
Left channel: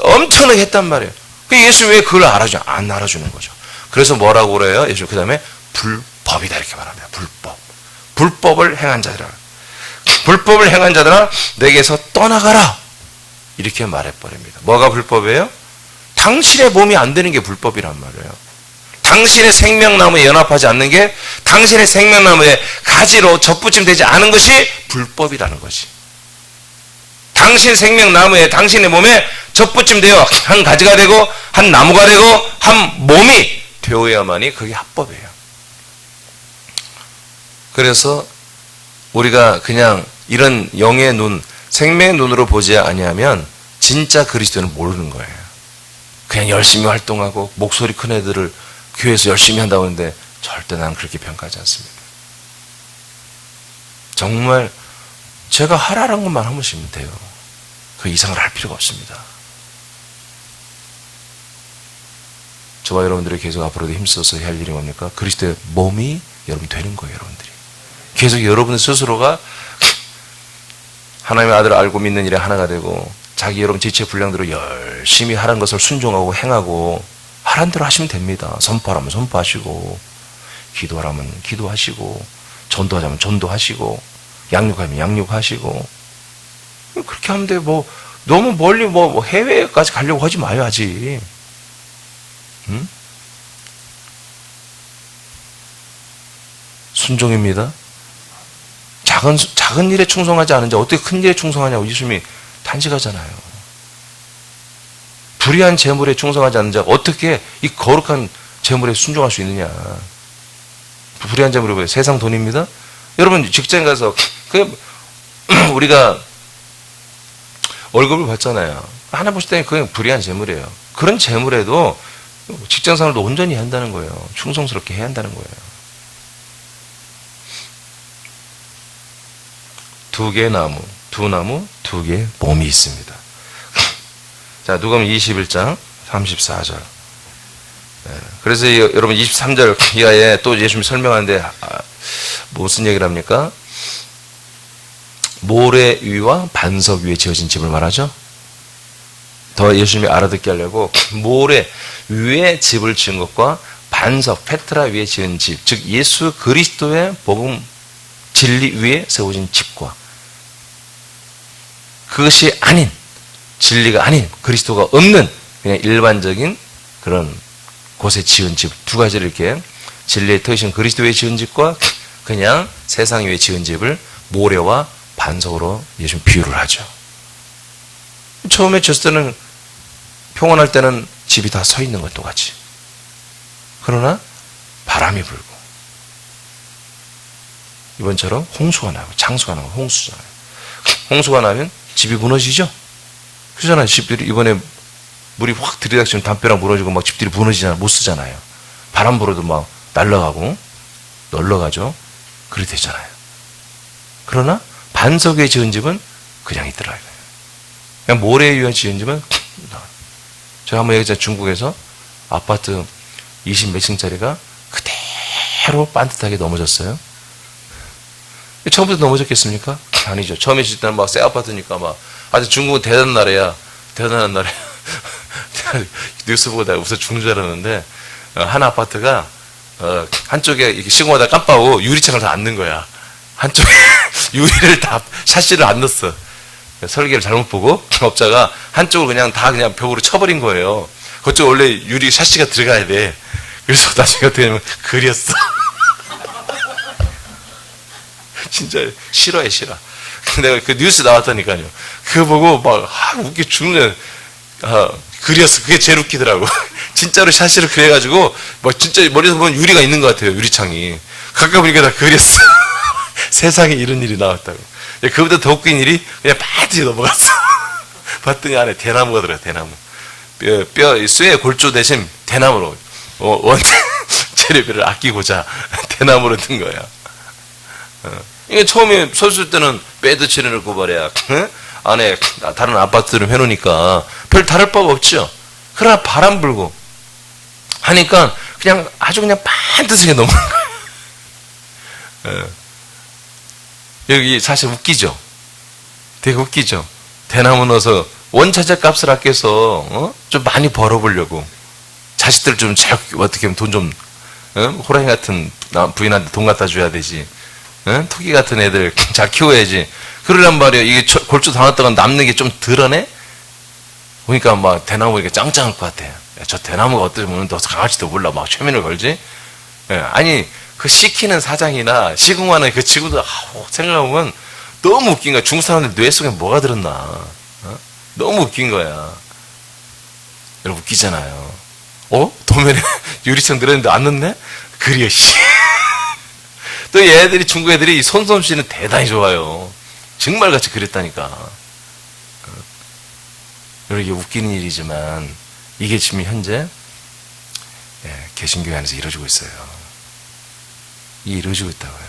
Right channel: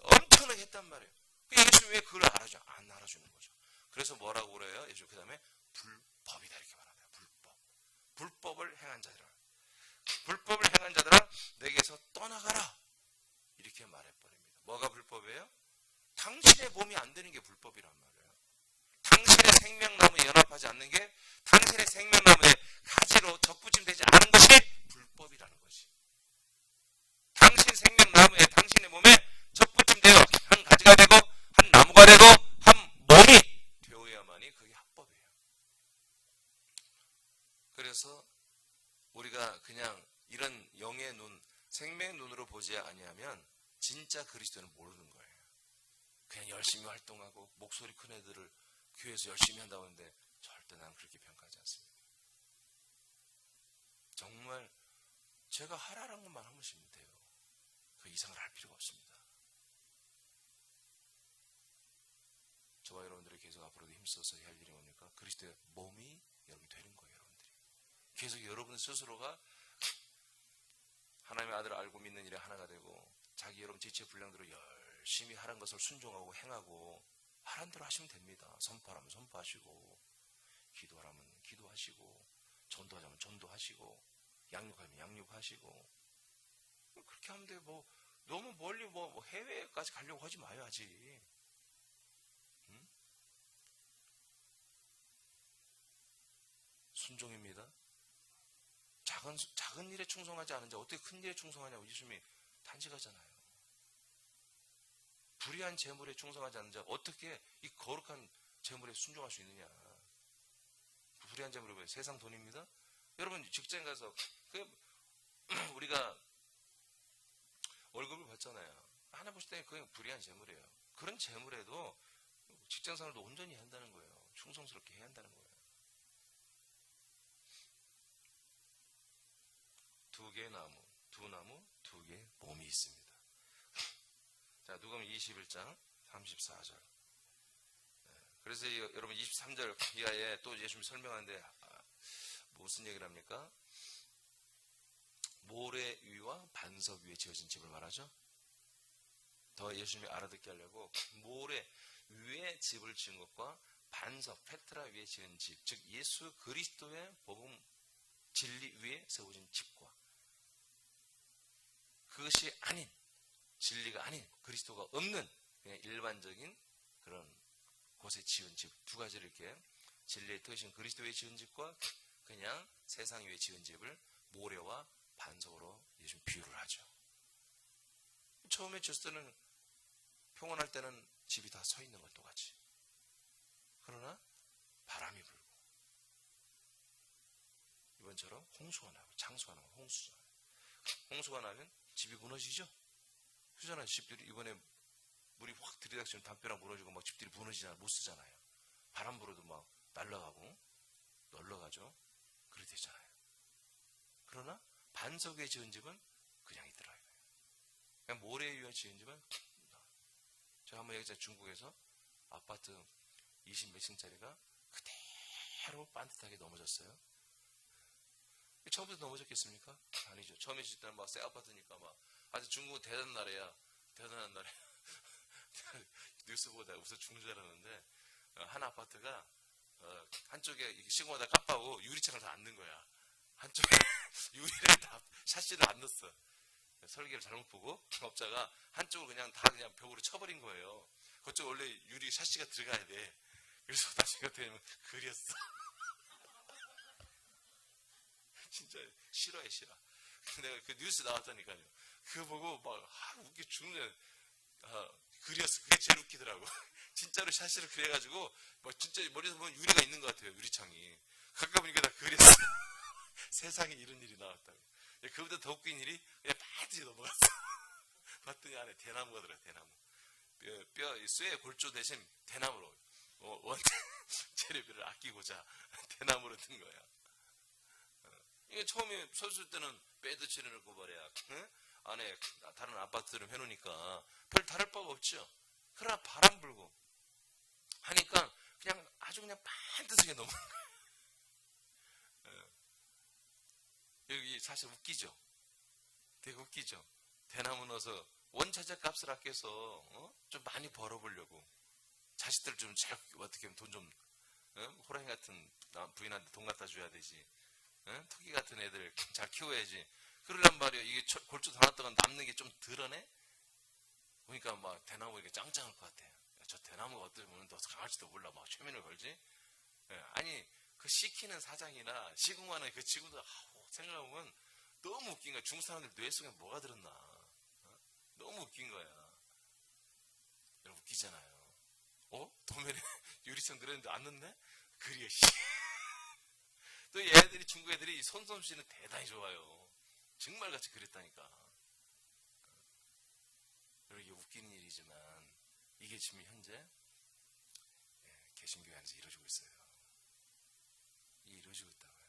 엄청나게 했단 말이에요. 예수 왜 그걸 알아주냐? 안 알아주는 거죠. 그래서 뭐라고 그래요? 예수 그 다음에 불법이다 이렇게 말합니다. 불법. 불법을 행한 자들아. 불법을 행한 자들아 내게서 떠나가라. 이렇게 말해버립니다. 뭐가 불법이에요? 당신의 몸이 안 되는 게 불법이란 말이에요. 당신의 생명나무에 연합하지 않는 게 당신의 생명나무에 가지로 접붙임되지 않은 것이 불법이라는 것이. 당신 생명나무에 당신의 몸에 접붙임되어 한 가지가 되고 한 나무가 되고 한 몸이 되어야만이 그게 합법이에요. 그래서 우리가 그냥 이런 영의 눈, 생명의 눈으로 보지 아니하면 진짜 그리스도는 모르는 거예요. 그냥 열심히 활동하고 목소리 큰 애들을 교회에서 열심히 한다고 하는데 절대 난 그렇게 평가하지 않습니다. 정말 제가 하라는 것만 하면 돼요. 그 이상을 할 필요가 없습니다. 저와 여러분들이 계속 앞으로도 힘써서 할 일이 뭡니까? 그리스도의 몸이 여러분 되는 거예요. 여러분들이 계속 여러분 스스로가 하나님의 아들을 알고 믿는 일에 하나가 되고 자기 여러분 지체 분량대로 열심히 하라는 것을 순종하고 행하고 하라는 대로 하시면 됩니다. 선포하라면 선포하시고 기도하라면 기도하시고 전도하자면 전도하시고 양육하면 양육하시고 그렇게 하면 돼요. 뭐 너무 멀리 뭐 해외까지 가려고 하지 마요. 아직. 응? 순종입니다. 작은 일에 충성하지 않은 자 어떻게 큰 일에 충성하냐고 예수님이 단식하잖아요. 불의한 재물에 충성하지 않는 자 어떻게 이 거룩한 재물에 순종할 수 있느냐. 불의한 재물이 뭐예요? 세상 돈입니다. 여러분 직장 가서 우리가 월급을 받잖아요. 하나 보실 때는 그게 불의한 재물이에요. 그런 재물에도 직장 생활도 온전히 한다는 거예요. 충성스럽게 해야 한다는 거예요. 두 개의 나무, 두 개의 몸이 있습니다. 자, 누가복음 21장 34절. 그래서 여러분 23절 이하에 또 예수님이 설명하는데 무슨 얘기를 합니까? 모래 위와 반석 위에 지어진 집을 말하죠. 더 예수님이 알아듣게 하려고 모래 위에 집을 지은 것과 반석 페트라 위에 지은 집, 즉 예수 그리스도의 복음 진리 위에 세워진 집과 그것이 아닌 진리가 아닌 그리스도가 없는 그냥 일반적인 그런 곳에 지은 집 두 가지를 이렇게 진리의 터이신 그리스도 위에 지은 집과 그냥 세상 위에 지은 집을 모래와 반석으로 예수님 비유를 하죠. 처음에 졌을 때는 평온할 때는 집이 다 서 있는 것 똑같이. 그러나 바람이 불고 이번처럼 홍수가 나고 장수가 나고 홍수잖아요. 홍수가 나면 집이 무너지죠. 그러잖아요. 집들이 이번에 물이 확 들이닥치면 담벼락 무너지고 막 집들이 무너지잖아요. 못 쓰잖아요. 바람 불어도 막 날아가고 널러가죠. 그렇게 되잖아요. 그러나 반석 위에 지은 집은 그냥 있더라. 그냥 모래 위에 지은 집은 제가 한번 얘기했잖아요. 중국에서 아파트 20 몇 층짜리가 그대로 반듯하게 넘어졌어요. 처음부터 넘어졌겠습니까? 아니죠. 처음에 짓을 때는 막 새 아파트니까 막 아주 중국은 대단한 나라야. 대단한 나라야. 뉴스 보고 내가 웃어 죽는 줄 알았는데 한 아파트가 한쪽에 이렇게 시공하다 깜빡하고 유리창을 다 안 넣은 거야. 한쪽에 유리를 다 샤시를 안 넣었어. 설계를 잘못 보고 업자가 한쪽을 그냥 다 그냥 벽으로 쳐버린 거예요. 그쪽 원래 유리 샤시가 들어가야 돼. 그래서 나중에 어떻게 하냐면 그렸어. 진짜 싫어해 싫어. 내가 그 뉴스 나왔다니까요. 그거 보고 막 웃겨 죽는 그렸어. 그게 제일 웃기더라고. 진짜로 샤시를 그려가지고 막 진짜 머리에서 보면 유리가 있는 것 같아요. 유리창이. 가까이 보니까 다 그렸어. 세상에 이런 일이 나왔다고. 그보다 더 웃긴 일이 그냥 빠듯이 넘어갔어. 봤더니 안에 대나무가 들어요. 대나무. 쇠의 골조 대신 대나무로 원 재료비를 아끼고자 대나무로 든 거야. 이게 처음에 섰을 때는 배드 칠해놓을 말이야. 안에 다른 아파트를 해놓으니까 별 다를 바가 없죠. 그러나 바람 불고 하니까 그냥 아주 그냥 반듯하게 넘어간 거예요. 여기 사실 웃기죠. 되게 웃기죠. 대나무 넣어서 원차적 값을 아껴서 좀 많이 벌어보려고 자식들 좀 잘 어떻게 하면 돈 좀 호랑이 같은 부인한테 돈 갖다 줘야 되지. 토끼 같은 애들 잘 키워야지. 그러란 말이야. 이게 골주 당했다가 남는 게 좀 덜하네? 보니까 막 대나무 이렇게 짱짱할 것 같아. 야, 저 대나무가 어쩌면 더 강할지도 몰라. 막 최면을 걸지? 예, 아니, 그 시키는 사장이나 시공하는 그 친구들, 생각해보면 너무 웃긴 거야. 중국 사람들 뇌 속에 뭐가 들었나. 너무 웃긴 거야. 여러분, 웃기잖아요. 도면에 유리창 들었는데 안 넣네? 그려, 씨. 또 얘들이, 중국 애들이 손솜씨는 대단히 좋아요. 정말 같이 그렸다니까. 여러분, 이게 웃기는 일이지만, 이게 지금 현재, 개신교회 안에서 이루어지고 있어요. 이게 이루어지고 있다고요.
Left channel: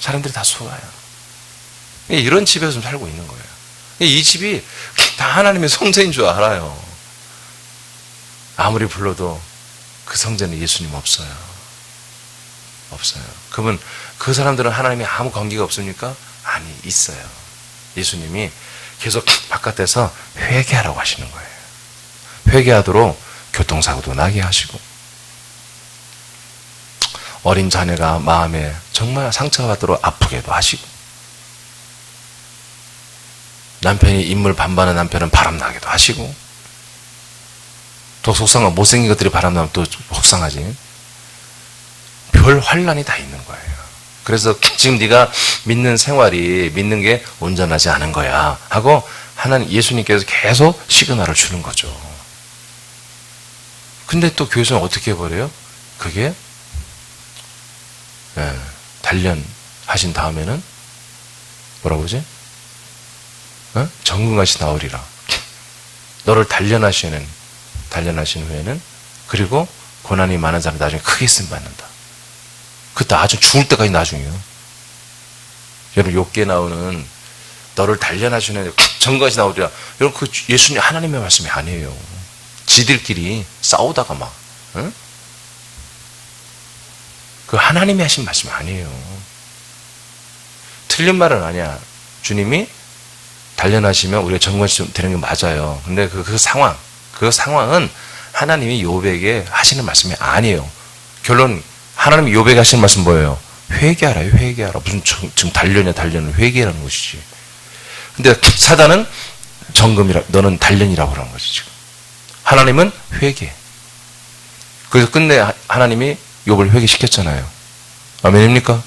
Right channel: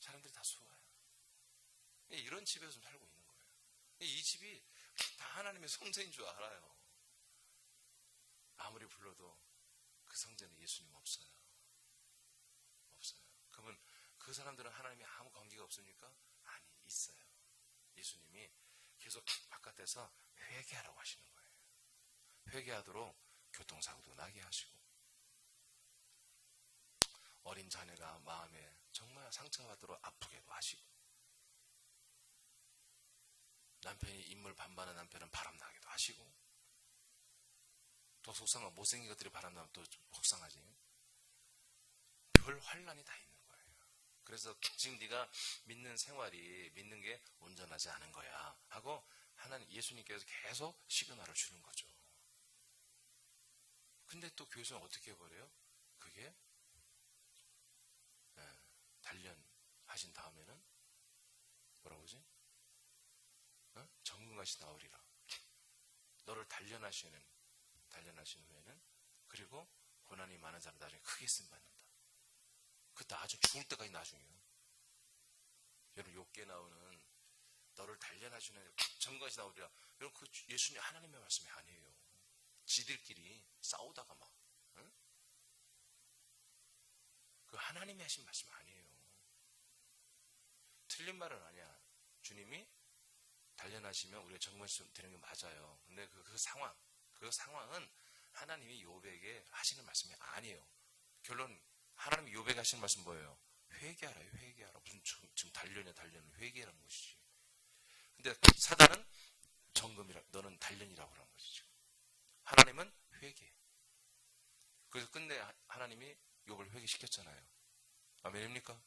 사람들이 다 속아요. 이런 집에서 좀 살고 있는 거예요. 이 집이 다 하나님의 성전인 줄 알아요. 아무리 불러도 그 성전에 예수님 없어요. 없어요. 그러면 그 사람들은 하나님이 아무 관계가 없습니까? 아니, 있어요. 예수님이 계속 바깥에서 회개하라고 하시는 거예요. 회개하도록 교통사고도 나게 하시고, 어린 자녀가 마음에 정말 상처받도록 아프게도 하시고, 남편이 인물 반반한 남편은 바람나게도 하시고, 또 속상한 못생긴 것들이 바람나면 또 속상하지. 별 환란이 다 있는 거예요. 그래서 지금 네가 믿는 생활이, 믿는 게 온전하지 않은 거야 하고 하나님, 예수님께서 계속 시그널을 주는 거죠. 근데 또 교회에서는 어떻게 해버려요? 그게 단련하신 다음에는 뭐라고 그러지? 정금같이 나오리라. 너를 단련하신 후에는, 그리고 고난이 많은 사람 나중에 크게 쓰임 받는다. 그때 아주 죽을 때까지 나중이에요. 여러분, 욥기에 나오는 너를 단련하시는 정금같이 나오리라. 여러분, 그 예수님 하나님의 말씀이 아니에요. 지들끼리 싸우다가 막, 그 하나님이 하신 말씀이 아니에요. 틀린 말은 아니야. 주님이 단련하시면 우리가 정금같이 되는 게 맞아요. 근데 그 상황은 하나님이 욥에게 하시는 말씀이 아니에요. 결론, 하나님이 욥에게 하시는 말씀 뭐예요? 회개하라, 회개하라. 무슨 지금 단련을 회개라는 것이지. 근데 사단은 너는 단련이라고 그러는 거지, 지금. 하나님은 회개. 그래서 끝내 하나님이 욥을 회개시켰잖아요. 아멘입니까?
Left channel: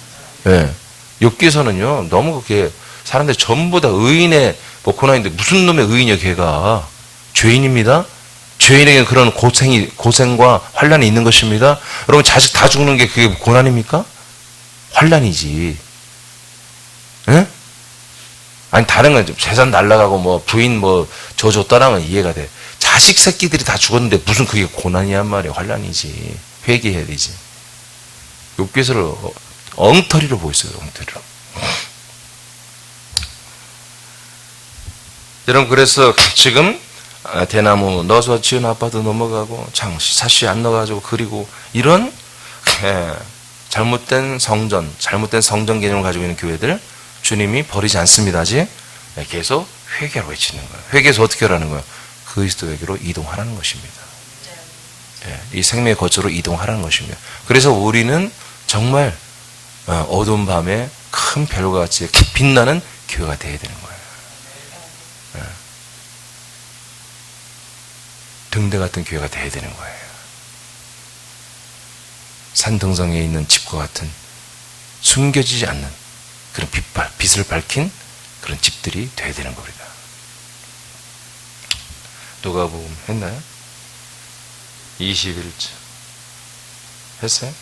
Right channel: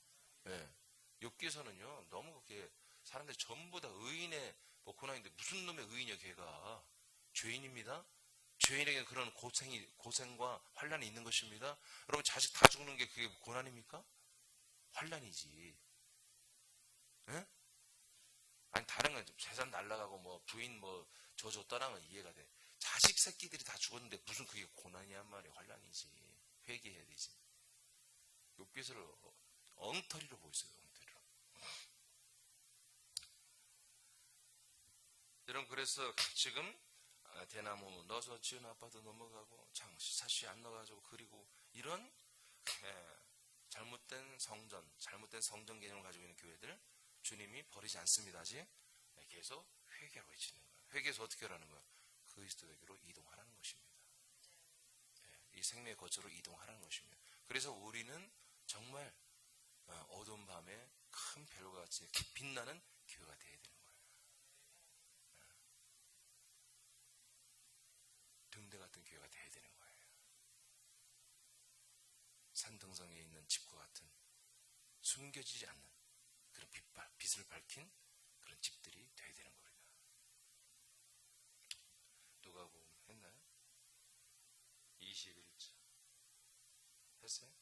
예. 욥기에서는요, 너무 그게 사람들이 전부 다 의인의 고난인데 무슨 놈의 의인이야, 걔가. 죄인입니다. 죄인에게는 그런 고생과 환란이 있는 것입니다. 여러분, 자식 다 죽는 게 그게 고난입니까? 환란이지. 예? 아니, 다른 건 재산 날라가고 뭐 부인 뭐 저줬다는 건 이해가 돼. 자식 새끼들이 다 죽었는데 무슨 그게 고난이란 말이야. 환란이지. 회개해야 되지. 욥기서를 엉터리로 보고 있어요. 엉터리로. 여러분, 그래서 지금 대나무 넣어서 지은 아파트 넘어가고 사시 안 넣어가지고 그리고 이런 잘못된 성전 개념을 가지고 있는 교회들 주님이 버리지 않습니다. 아직 계속 회개로 외치는 거예요. 회개해서 어떻게 하라는 거예요? 그리스도에게로 이동하라는 것입니다. 이 생명의 거처로 이동하라는 것입니다. 그래서 우리는 정말 어두운 밤에 큰 별과 같이 빛나는 교회가 되어야 되는 거예요. 등대 같은 교회가 되어야 되는 거예요. 산등성에 있는 집과 같은 숨겨지지 않는 그런 빛을 밝힌 그런 집들이 되어야 되는 겁니다. 누가복음 했나요? 21절 했어요?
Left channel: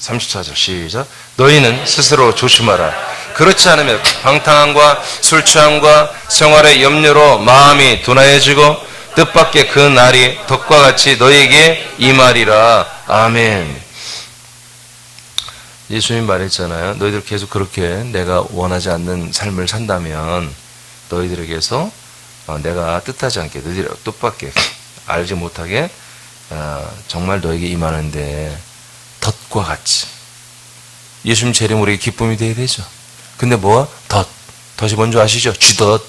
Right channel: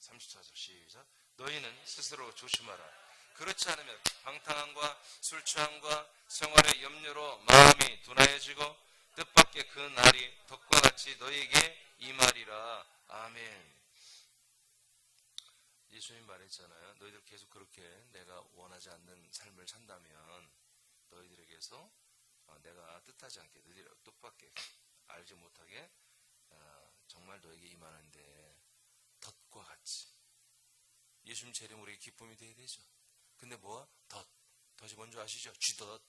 34절 시작. 너희는 스스로 조심하라. 그렇지 않으면 방탕함과 술 취함과 생활의 염려로 마음이 둔하여지고 뜻밖의 그 날이 덕과 같이 너희에게 임하리라. 아멘. 예수님 말했잖아요. 너희들 계속 그렇게 내가 원하지 않는 삶을 산다면 너희들에게서 내가 뜻하지 않게 너희들 뜻밖의 알지 못하게 정말 너에게 임하는데 덫과 같이. 예수님 재림 우리에게 기쁨이 되어야 되죠. 근데 뭐야? 덫이 뭔지 아시죠? 쥐덫.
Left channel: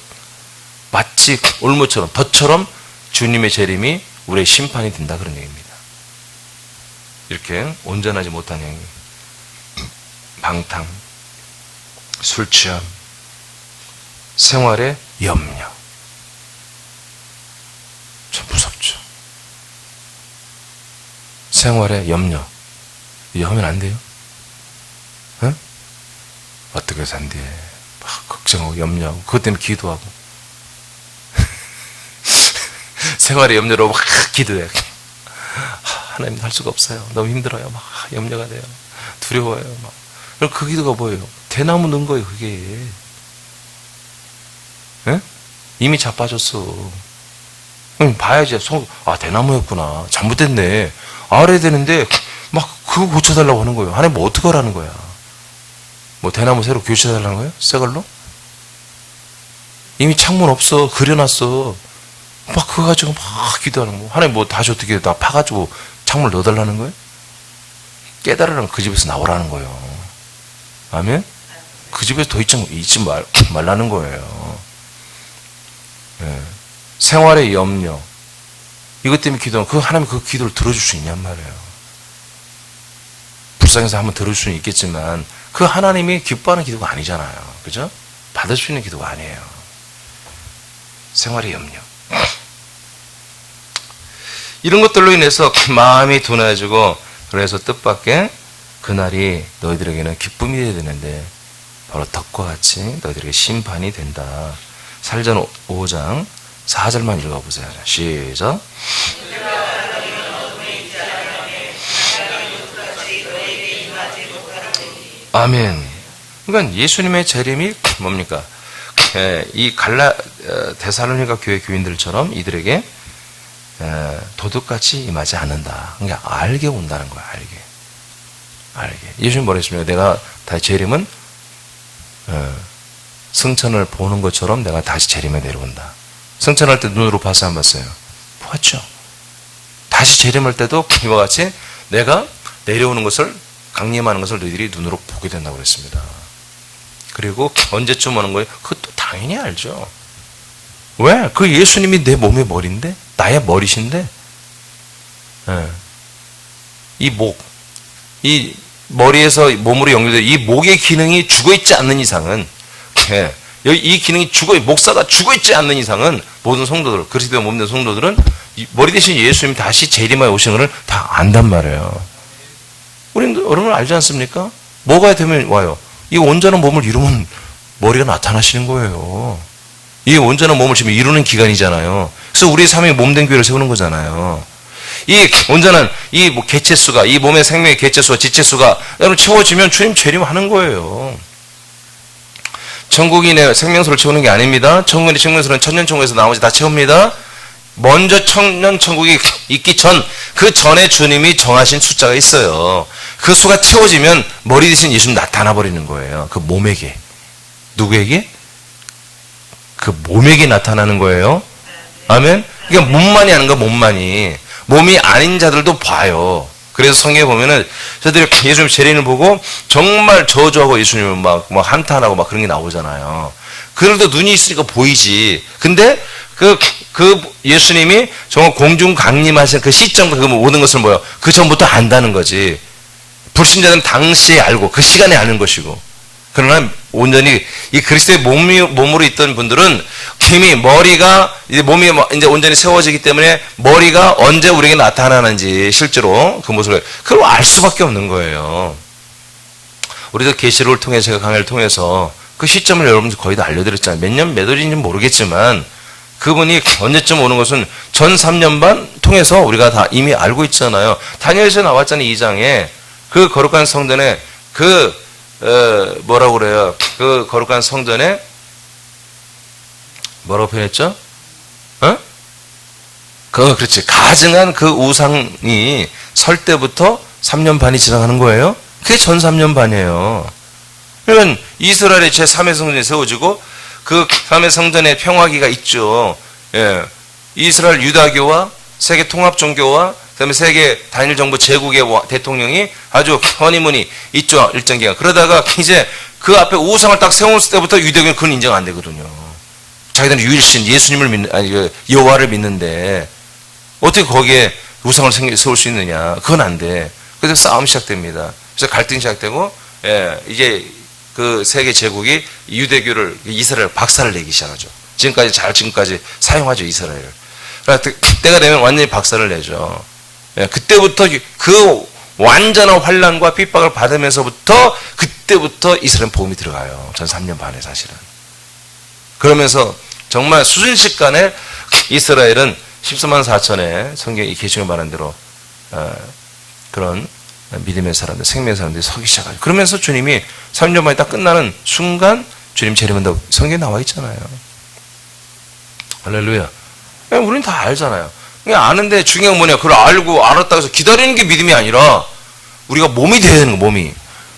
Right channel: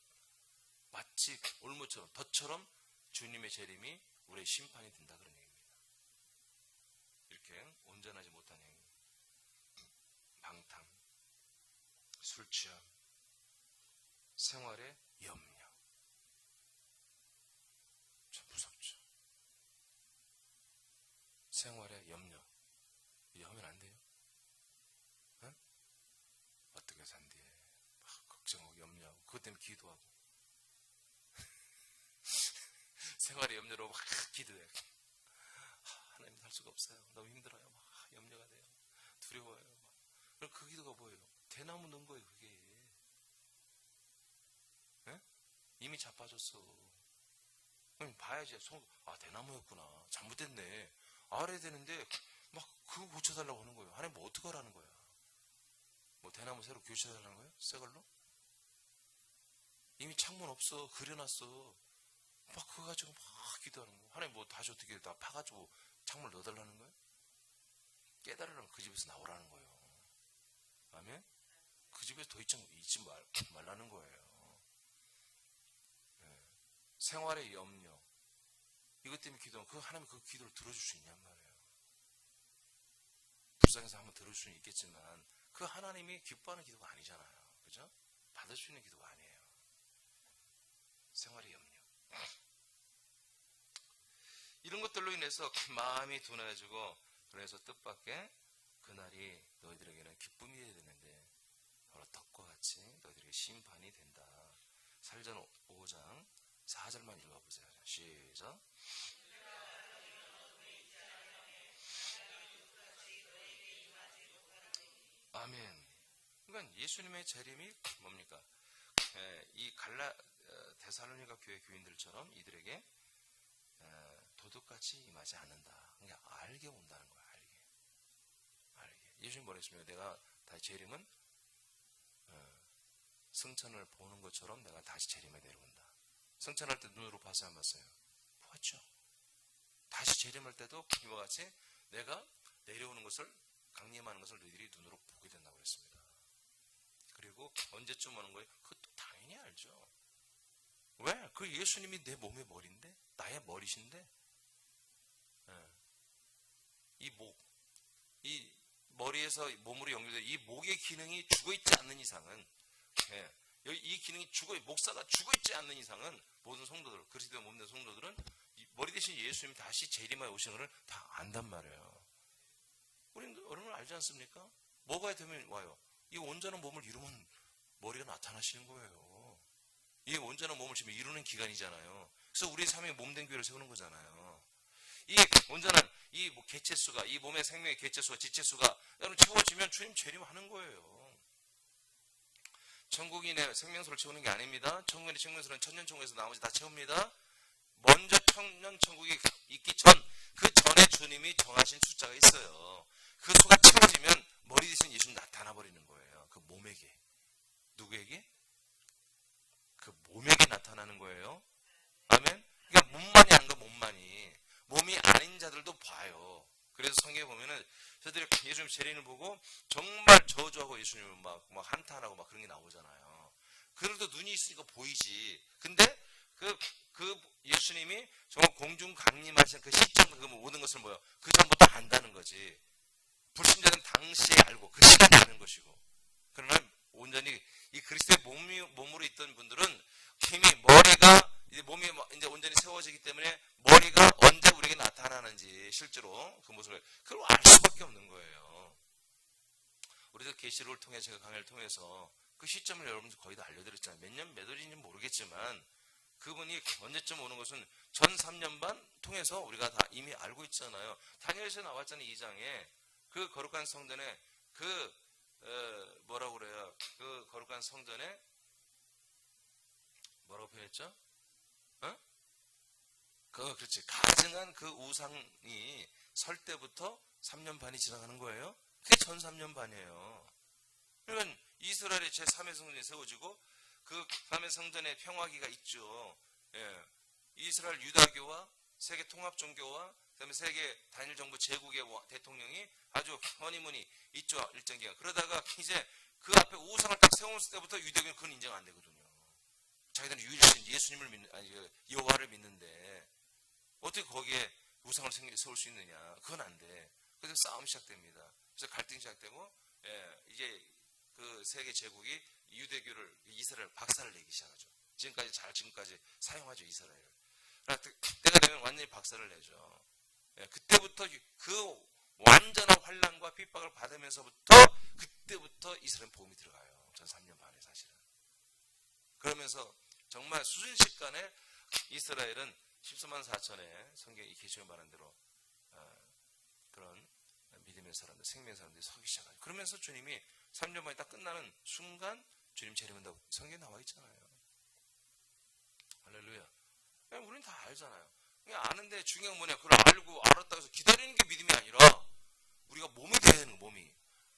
마치 올무처럼 덫처럼 주님의 재림이 우리의 심판이 된다 그런 얘기입니다. 이렇게 온전하지 못한 행위, 방탕, 술 취함, 생활의 염려. 참 무섭죠. 생활의 염려. 이거 하면 안 돼요? 응? 어떻게 산대? 막 걱정하고 염려하고 그것 때문에 기도하고 생활의 염려로 막 기도해. 하나님 할 수가 없어요. 너무 힘들어요. 막 염려가 돼요. 두려워요. 막. 그럼 그 기도가 뭐예요? 대나무 넣은 거예요. 그게. 예? 이미 자빠졌어. 그럼 봐야지. 대나무였구나. 잘못됐네. 알아야 되는데 막 그거 고쳐달라고 하는 거예요. 하나님 뭐 어떻게 하라는 거야? 뭐 대나무 새로 교체해달라는 거예요? 새 걸로? 이미 창문 없어. 그려놨어. 막 그거 가지고 막 기도하는 거. 하나님 뭐 다시 어떻게 나 파가지고 창문을 넣어달라는 거예요? 깨달으라면 그 집에서 나오라는 거예요. 아멘? 그 집에서 더 있지 말라는 거예요. 예. 생활의 염려. 이것 때문에 기도하면 하나님 그 기도를 들어줄 수 있냔 말이에요. 불쌍해서 한번 들어줄 수는 있겠지만 그 하나님이 기뻐하는 기도가 아니잖아요. 그죠? 받을 수 있는 기도가 아니에요. 생활의 염려. 이런 것들로 인해서 마음이 둔해지고 그래서 뜻밖의 그날이 너희들에게는 기쁨이 되어야 되는데 바로 덕과 같이 너희들에게 심판이 된다. 사도행전 5장 4절만 읽어보세요. 시작. 아멘. 그러니까 예수님의 재림이 뭡니까? 이 데살로니가 교회 교인들처럼 이들에게 도둑같이 임하지 않는다. 그러니까 알게 온다는 거야. 알게. 예수님 뭐라 했습니까? 내가 다시 재림은 승천을 보는 것처럼 내가 다시 재림에 내려온다. 승천할 때 눈으로 봤어요? 안 봤어요? 보았죠. 다시 재림할 때도 이와 같이 내가 내려오는 것을 강림하는 것을 너희들이 눈으로 보게 된다고 그랬습니다. 그리고 언제쯤 오는 거예요? 그것도 당연히 알죠. 왜? 그 예수님이 내 몸의 머리인데 나의 머리신데 이 머리에서 몸으로 연결된 이 목의 기능이 죽어있지 않는 이상은 이 기능이 목사가 죽어있지 않는 이상은 모든 성도들, 그리스도의 몸된 성도들은 머리 대신 예수님이 다시 재림하여 오시는 것을 다 안단 말이에요. 우리는 여러분 알지 않습니까? 뭐가 되면 와요? 이 온전한 몸을 이루면 머리가 나타나시는 거예요. 이 온전한 몸을 지금 이루는 기간이잖아요. 그래서 우리 삶의 몸된 교회를 세우는 거잖아요. 이 온전한 이 개체수가, 이 몸의 생명의 개체수와 지체수가 여러분 채워지면 주님 재림하는 거예요. 천국이 내 생명수를 채우는 게 아닙니다. 천국의 생명수는 천년천국에서 나머지 다 채웁니다. 먼저 천년천국이 있기 전, 그 전에 주님이 정하신 숫자가 있어요. 그 수가 채워지면 머리 대신 예수님 나타나 버리는 거예요. 그 몸에게. 누구에게? 그 몸에게 나타나는 거예요. 아멘? 그러니까 몸만이 하는 거야, 몸만이. 몸이 아닌 자들도 봐요. 그래서 성경에 보면은 저들이 예수님 재림을 보고 정말 저주하고 예수님을 막 한탄하고 막 그런 게 나오잖아요. 그래도 눈이 있으니까 보이지. 근데 그 예수님이 정말 공중 강림하신 그 시점과 그 모든 것을 뭐요? 그 전부터 안다는 거지. 불신자들은 당시에 알고 그 시간에 아는 것이고. 그러나 온전히 이 그리스도의 몸으로 있던 분들은 이미 머리가 이제 몸이 이제 온전히 세워지기 때문에 머리가 언제 우리에게 나타나는지 실제로 그 모습을 그걸 알 수밖에 없는 거예요. 우리도 계시록을 통해 제가 강의를 통해서 그 시점을 여러분들 거의 다 알려드렸잖아요. 몇 년 몇 월인지는 모르겠지만 그분이 언제쯤 오는 것은 전 3년 반 통해서 우리가 다 이미 알고 있잖아요. 다니엘서에 나왔잖아요. 2장에 그 거룩한 성전에 뭐라고 그래요? 그 거룩한 성전에 뭐라고 표현했죠? 그렇지. 가증한 그 우상이 설 때부터 3년 반이 지나가는 거예요. 그게 전 3년 반이에요. 그러면 이스라엘의 제3의 성전이 세워지고 그 3의 성전에 평화기가 있죠. 예. 이스라엘 유다교와 세계 통합 종교와 그다음에 세계 단일 정부 제국의 대통령이 아주 허니문이 있죠. 일정 기간. 그러다가 이제 그 앞에 우상을 딱 세웠을 때부터 유대교는 그건 인정 안 되거든요. 자기들은 유일신 예수님을 믿는, 아니, 여호와를 믿는데 어떻게 거기에 우상을 세울 수 있느냐. 그건 안 돼. 그래서 싸움이 시작됩니다. 그래서 갈등이 시작되고, 이제 그 세계 제국이 유대교를, 이스라엘 박살을 내기 시작하죠. 지금까지 사용하죠, 이스라엘을. 때가 되면 완전히 박살을 내죠. 그때부터 그 완전한 환란과 핍박을 받으면서부터 그때부터 이스라엘 복음이 들어가요. 전 3년 반에 사실은. 그러면서 정말 수순식간에 이스라엘은 14만 4천의 성경이 계시가 말한 대로 그런 믿음의 사람들, 생명의 사람들이 서기 시작하죠. 그러면서 주님이 3년 만에 딱 끝나는 순간 주님 재림한다고 성경에 나와 있잖아요. 할렐루야. 우리는 다 알잖아요. 그냥 아는데 중요한 건 뭐냐. 그걸 알고 알았다고 해서 기다리는 게 믿음이 아니라 우리가 몸이 돼야 되는 거, 몸이.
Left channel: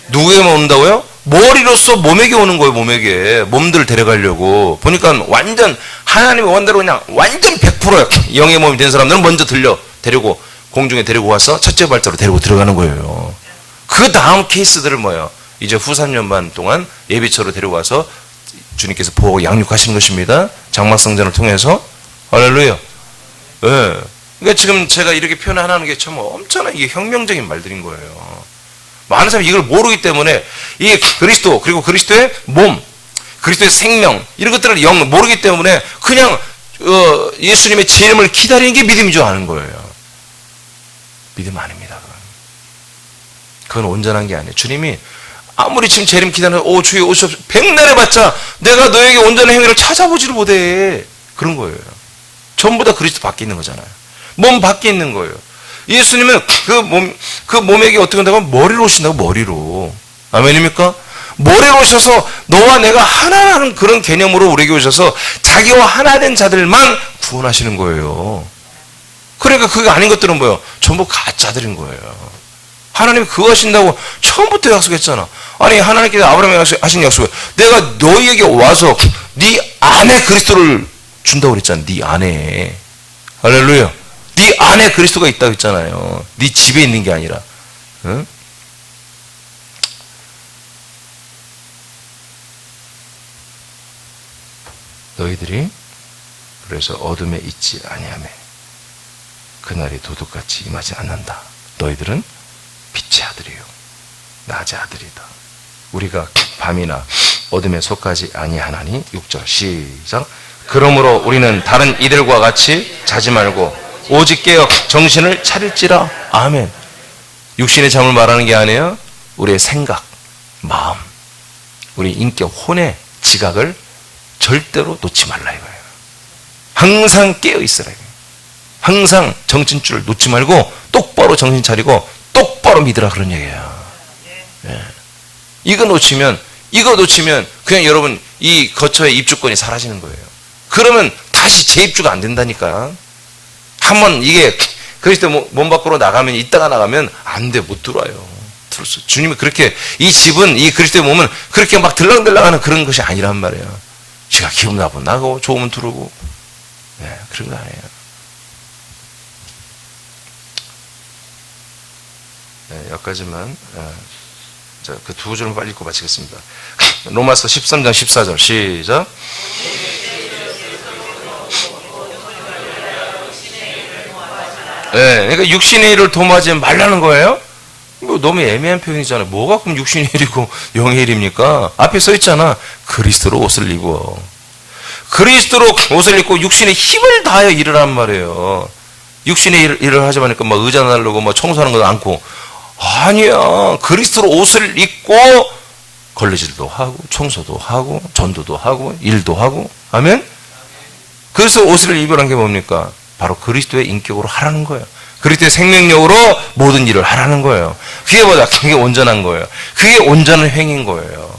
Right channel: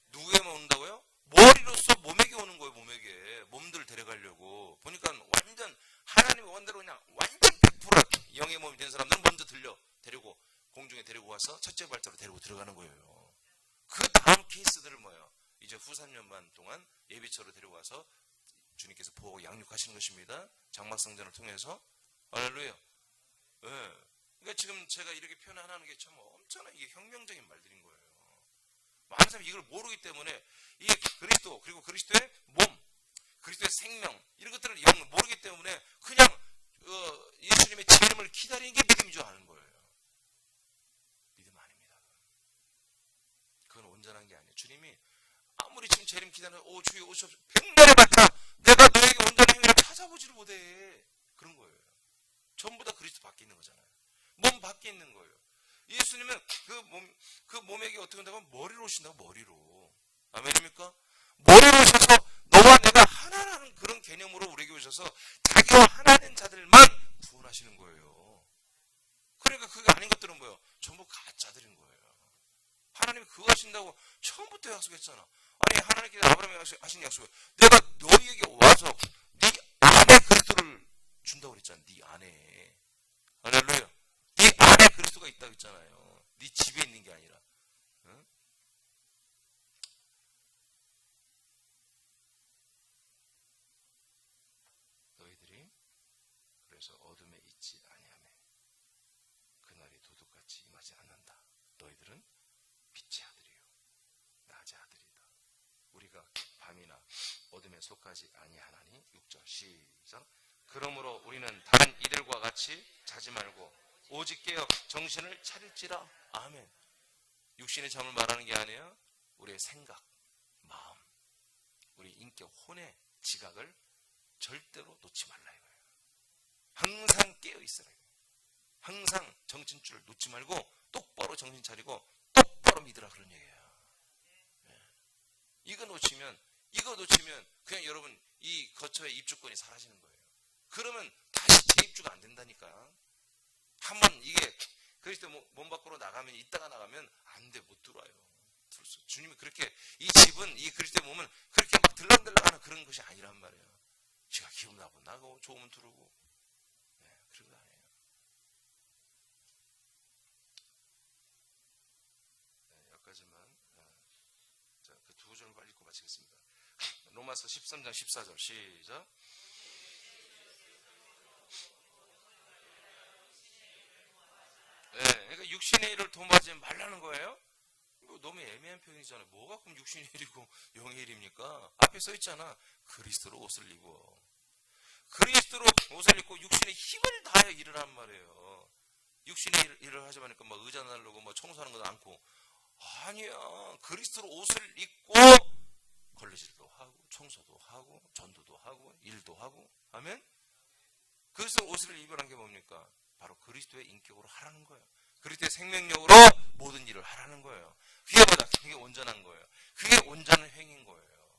누구에게만 온다고요? 머리로서 몸에게 오는 거예요, 몸에게. 몸들을 데려가려고. 보니까 완전 하나님의 원대로 그냥 완전 100%야. 영의 몸이 된 사람들은 먼저 데리고 공중에 데리고 와서 첫째 발자로 데리고 들어가는 거예요. 그 다음 케이스들을 뭐예요? 이제 후 3년 반 동안 예비처로 데리고 와서 주님께서 보호하고 양육하시는 것입니다. 장막성전을 통해서. 할렐루야. 예. 그러니까 지금 제가 이렇게 표현하는 게 참 엄청난 이게 혁명적인 말들인 거예요. 많은 사람이 이걸 모르기 때문에 이게 그리스도, 그리고 그리스도의 몸, 그리스도의 생명, 이런 것들을 모르기 때문에 그냥 예수님의 재림을 기다리는 게 믿음인 줄 아는 거예요. 믿음 아닙니다. 그건 온전한 게 아니에요. 주님이 아무리 지금 재림 기다리는 주여 오시옵소서 백날 해봤자 내가 너에게 온전한 행위를 찾아보지를 못해. 그런 거예요. 전부 다 그리스도 밖에 있는 거잖아요. 몸 밖에 있는 거예요. 예수님은 그 몸에게 어떻게 한다고? 머리로 오신다고, 머리로. 아멘입니까? 머리로 오셔서 너와 내가 하나라는 그런 개념으로 우리에게 오셔서 자기와 하나 된 자들만 구원하시는 거예요. 그러니까 그게 아닌 것들은 뭐예요? 전부 가짜들인 거예요. 하나님이 그거 하신다고 처음부터 약속했잖아. 아니, 하나님께서 아브라함에게 하신 약속을 내가 너희에게 와서 네 안에 그리스도를 준다고 그랬잖아. 네 안에. 할렐루야. 네 안에 그리스도가 있다고 했잖아요. 네 집에 있는 게 아니라. 응? 너희들이 그래서 어둠에 있지 아니하며 그날이 도둑같이 임하지 않는다. 너희들은 빛의 아들이요 낮의 아들이다. 우리가 밤이나 어둠에 속하지 아니하나니. 6절 시작. 그러므로 우리는 다른 이들과 같이 자지 말고 오직 깨어 정신을 차릴지라. 아멘. 육신의 잠을 말하는 게 아니에요. 우리의 생각, 마음, 우리 인격, 혼의 지각을 절대로 놓지 말라 이거예요. 항상 깨어 있으라 이거예요. 항상 정신줄을 놓지 말고 똑바로 정신 차리고 똑바로 믿으라 그런 얘기예요. 예. 이거 놓치면 그냥 여러분 이 거처의 입주권이 사라지는 거예요. 그러면 다시 재입주가 안 된다니까. 한번 이게 그리스도 몸 밖으로 나가면, 이따가 나가면 안 돼, 못 들어와요. 주님이 그렇게, 이 집은, 이 그리스도의 몸은 그렇게 막 들락들락하는 그런 것이 아니란 말이에요. 제가 기분 나쁘면 나가고 좋으면 들어오고, 네, 그런 거 아니에요. 네, 여기까지만. 자, 그 두 줄은 빨리 읽고 마치겠습니다. 로마서 13장 14절 시작. 네, 그러니까 육신의 일을 도모하지 말라는 거예요. 이거 너무 애매한 표현이잖아요. 뭐가 그럼 육신의 일이고 영의 일입니까? 앞에 써 있잖아. 그리스도로 옷을 입어. 그리스도로 옷을 입고 육신의 힘을 다하여 일을 하란 말이에요. 육신의 일을 하지 마니까 막 의자 날르고 막 청소하는 것도 않고. 아니야. 그리스도로 옷을 입고 걸레질도 하고 청소도 하고 전도도 하고 일도 하고. 아멘? 그래서 옷을 입으라는 게 뭡니까? 바로 그리스도의 인격으로 하라는 거예요. 그리스도의 생명력으로 모든 일을 하라는 거예요. 그게 뭐다? 그게 온전한 거예요. 그게 온전한 행인 거예요.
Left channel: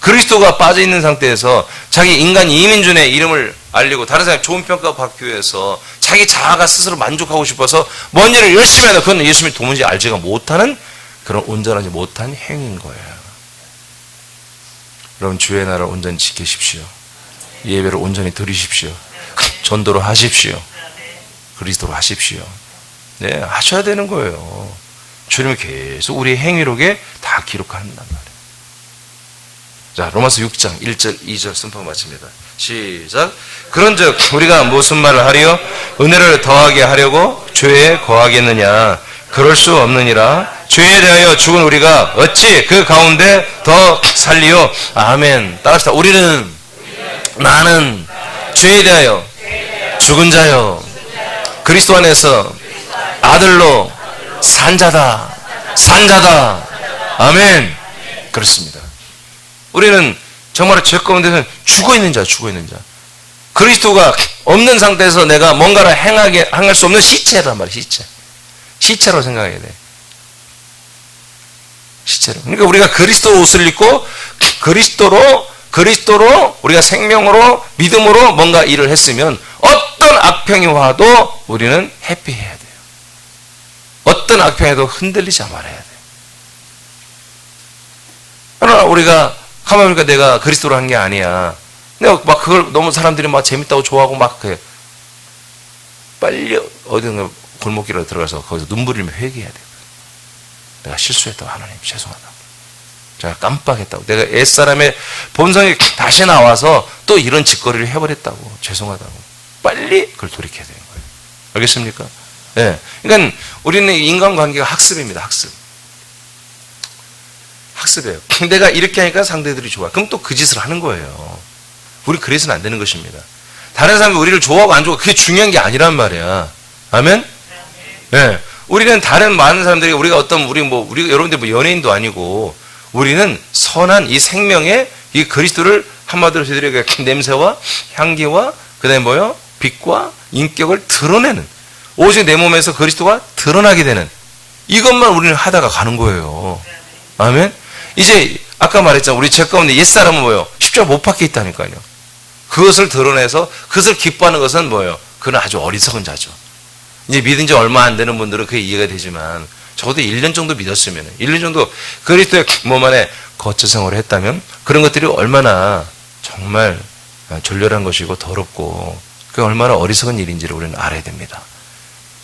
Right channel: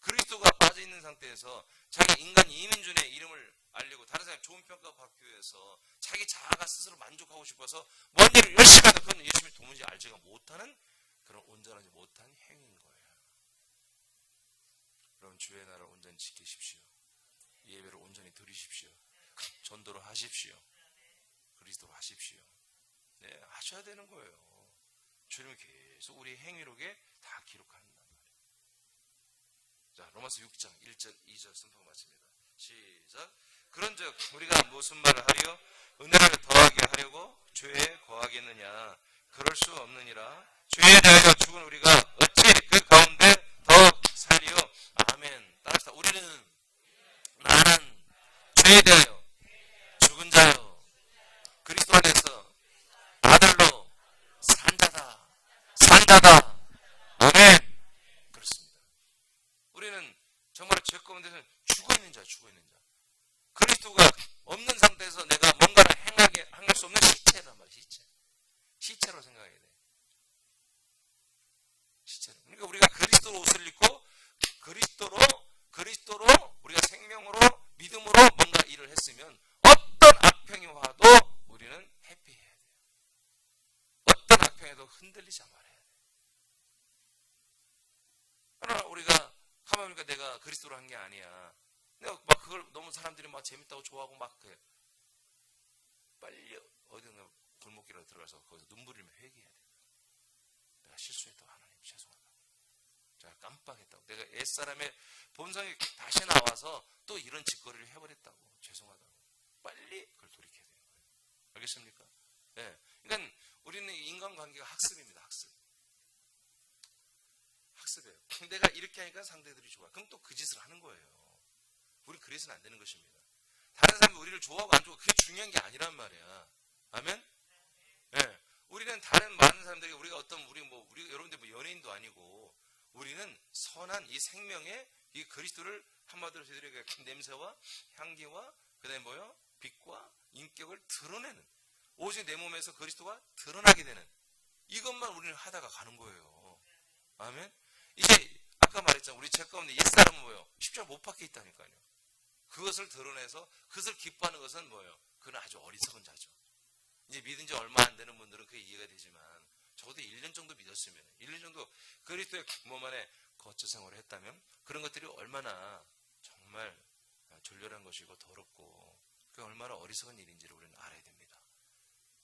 그리스도가 빠져있는 상태에서 자기 인간 이민준의 이름을 알리고 다른 사람이 좋은 평가 받기 위해서 자기 자아가 스스로 만족하고 싶어서 뭔 일을 열심히 하다 그건 예수님이 도무지 알지가 못하는 그런 온전하지 못한 행인 거예요. 여러분 주의 나라를 온전히 지키십시오. 예배를 온전히 드리십시오. 전도를 하십시오. 그리스도로 하십시오. 네, 하셔야 되는 거예요. 주님이 계속 우리의 행위록에 다 기록한단 말이에요. 자, 로마서 6장 1절 2절 선포 마칩니다. 시작. 그런즉 우리가 무슨 말을 하리요? 은혜를 더하게 하려고 죄에 거하겠느냐? 그럴 수 없느니라. 죄에 대하여 죽은 우리가 어찌 그 가운데 더 살리요? 아멘. 따라합시다. 나는 죄에 대하여 죽은 자요, 그리스도 안에서 아들로 산자다. 아멘. 그렇습니다. 우리는 정말 죄 가운데서 죽어있는 자. 그리스도가 없는 상태에서 내가 뭔가를 행할 수 없는 시체란 말이야. 시체로 생각해야 돼. 시체로. 그러니까 우리가 그리스도 옷을 입고 그리스도로 우리가 생명으로 믿음으로 뭔가 일을 했으면 어떤 악평이 와도 우리는 해피해야 돼요. 어떤 악평에도 흔들리지 말아야 돼요. 그러나 우리가 가만히 보니까 내가 그리스도로 한 게 아니야. 내가 막 그걸 너무 사람들이 막 재밌다고 좋아하고 막 그래. 빨리 어딘가 골목길에 들어가서 거기서 눈물 흘리며 회개해야 돼요. 내가 실수했다고, 하나님 죄송하다고, 제가 깜빡했다고, 내가 옛사람의 본성이 다시 나와서 또 이런 짓거리를 해버렸다고, 죄송하다고 빨리 그걸 돌이켜야 되는 거예요. 알겠습니까? 네. 그러니까 우리는 인간관계가 학습입니다. 학습이에요. 내가 이렇게 하니까 상대들이 좋아. 그럼 또 그 짓을 하는 거예요. 우리 그래서는 안 되는 것입니다. 다른 사람이 우리를 좋아하고 안 좋아하고 그게 중요한 게 아니란 말이야. 아멘? 네. 우리는 다른 많은 사람들이 우리가 우리 여러분들 뭐 연예인도 아니고 우리는 선한 이 생명의 이 그리스도를 한마디로 저희들에게 냄새와 향기와 그다음에 뭐요? 빛과 인격을 드러내는, 오직 내 몸에서 그리스도가 드러나게 되는 이것만 우리는 하다가 가는 거예요. 아멘? 이제 아까 말했잖아. 우리 죄 가운데 옛사람은 뭐예요? 십자가 못 박혀 있다니까요. 그것을 드러내서 그것을 기뻐하는 것은 뭐예요? 그는 아주 어리석은 자죠. 이제 믿은 지 얼마 안 되는 분들은 그게 이해가 되지만 적어도 1년 정도 믿었으면, 1년 정도 그리스도의 몸 안에 거처 생활을 했다면 그런 것들이 얼마나 정말 졸렬한 것이고 더럽고 그게 얼마나 어리석은 일인지를 우리는 알아야 됩니다.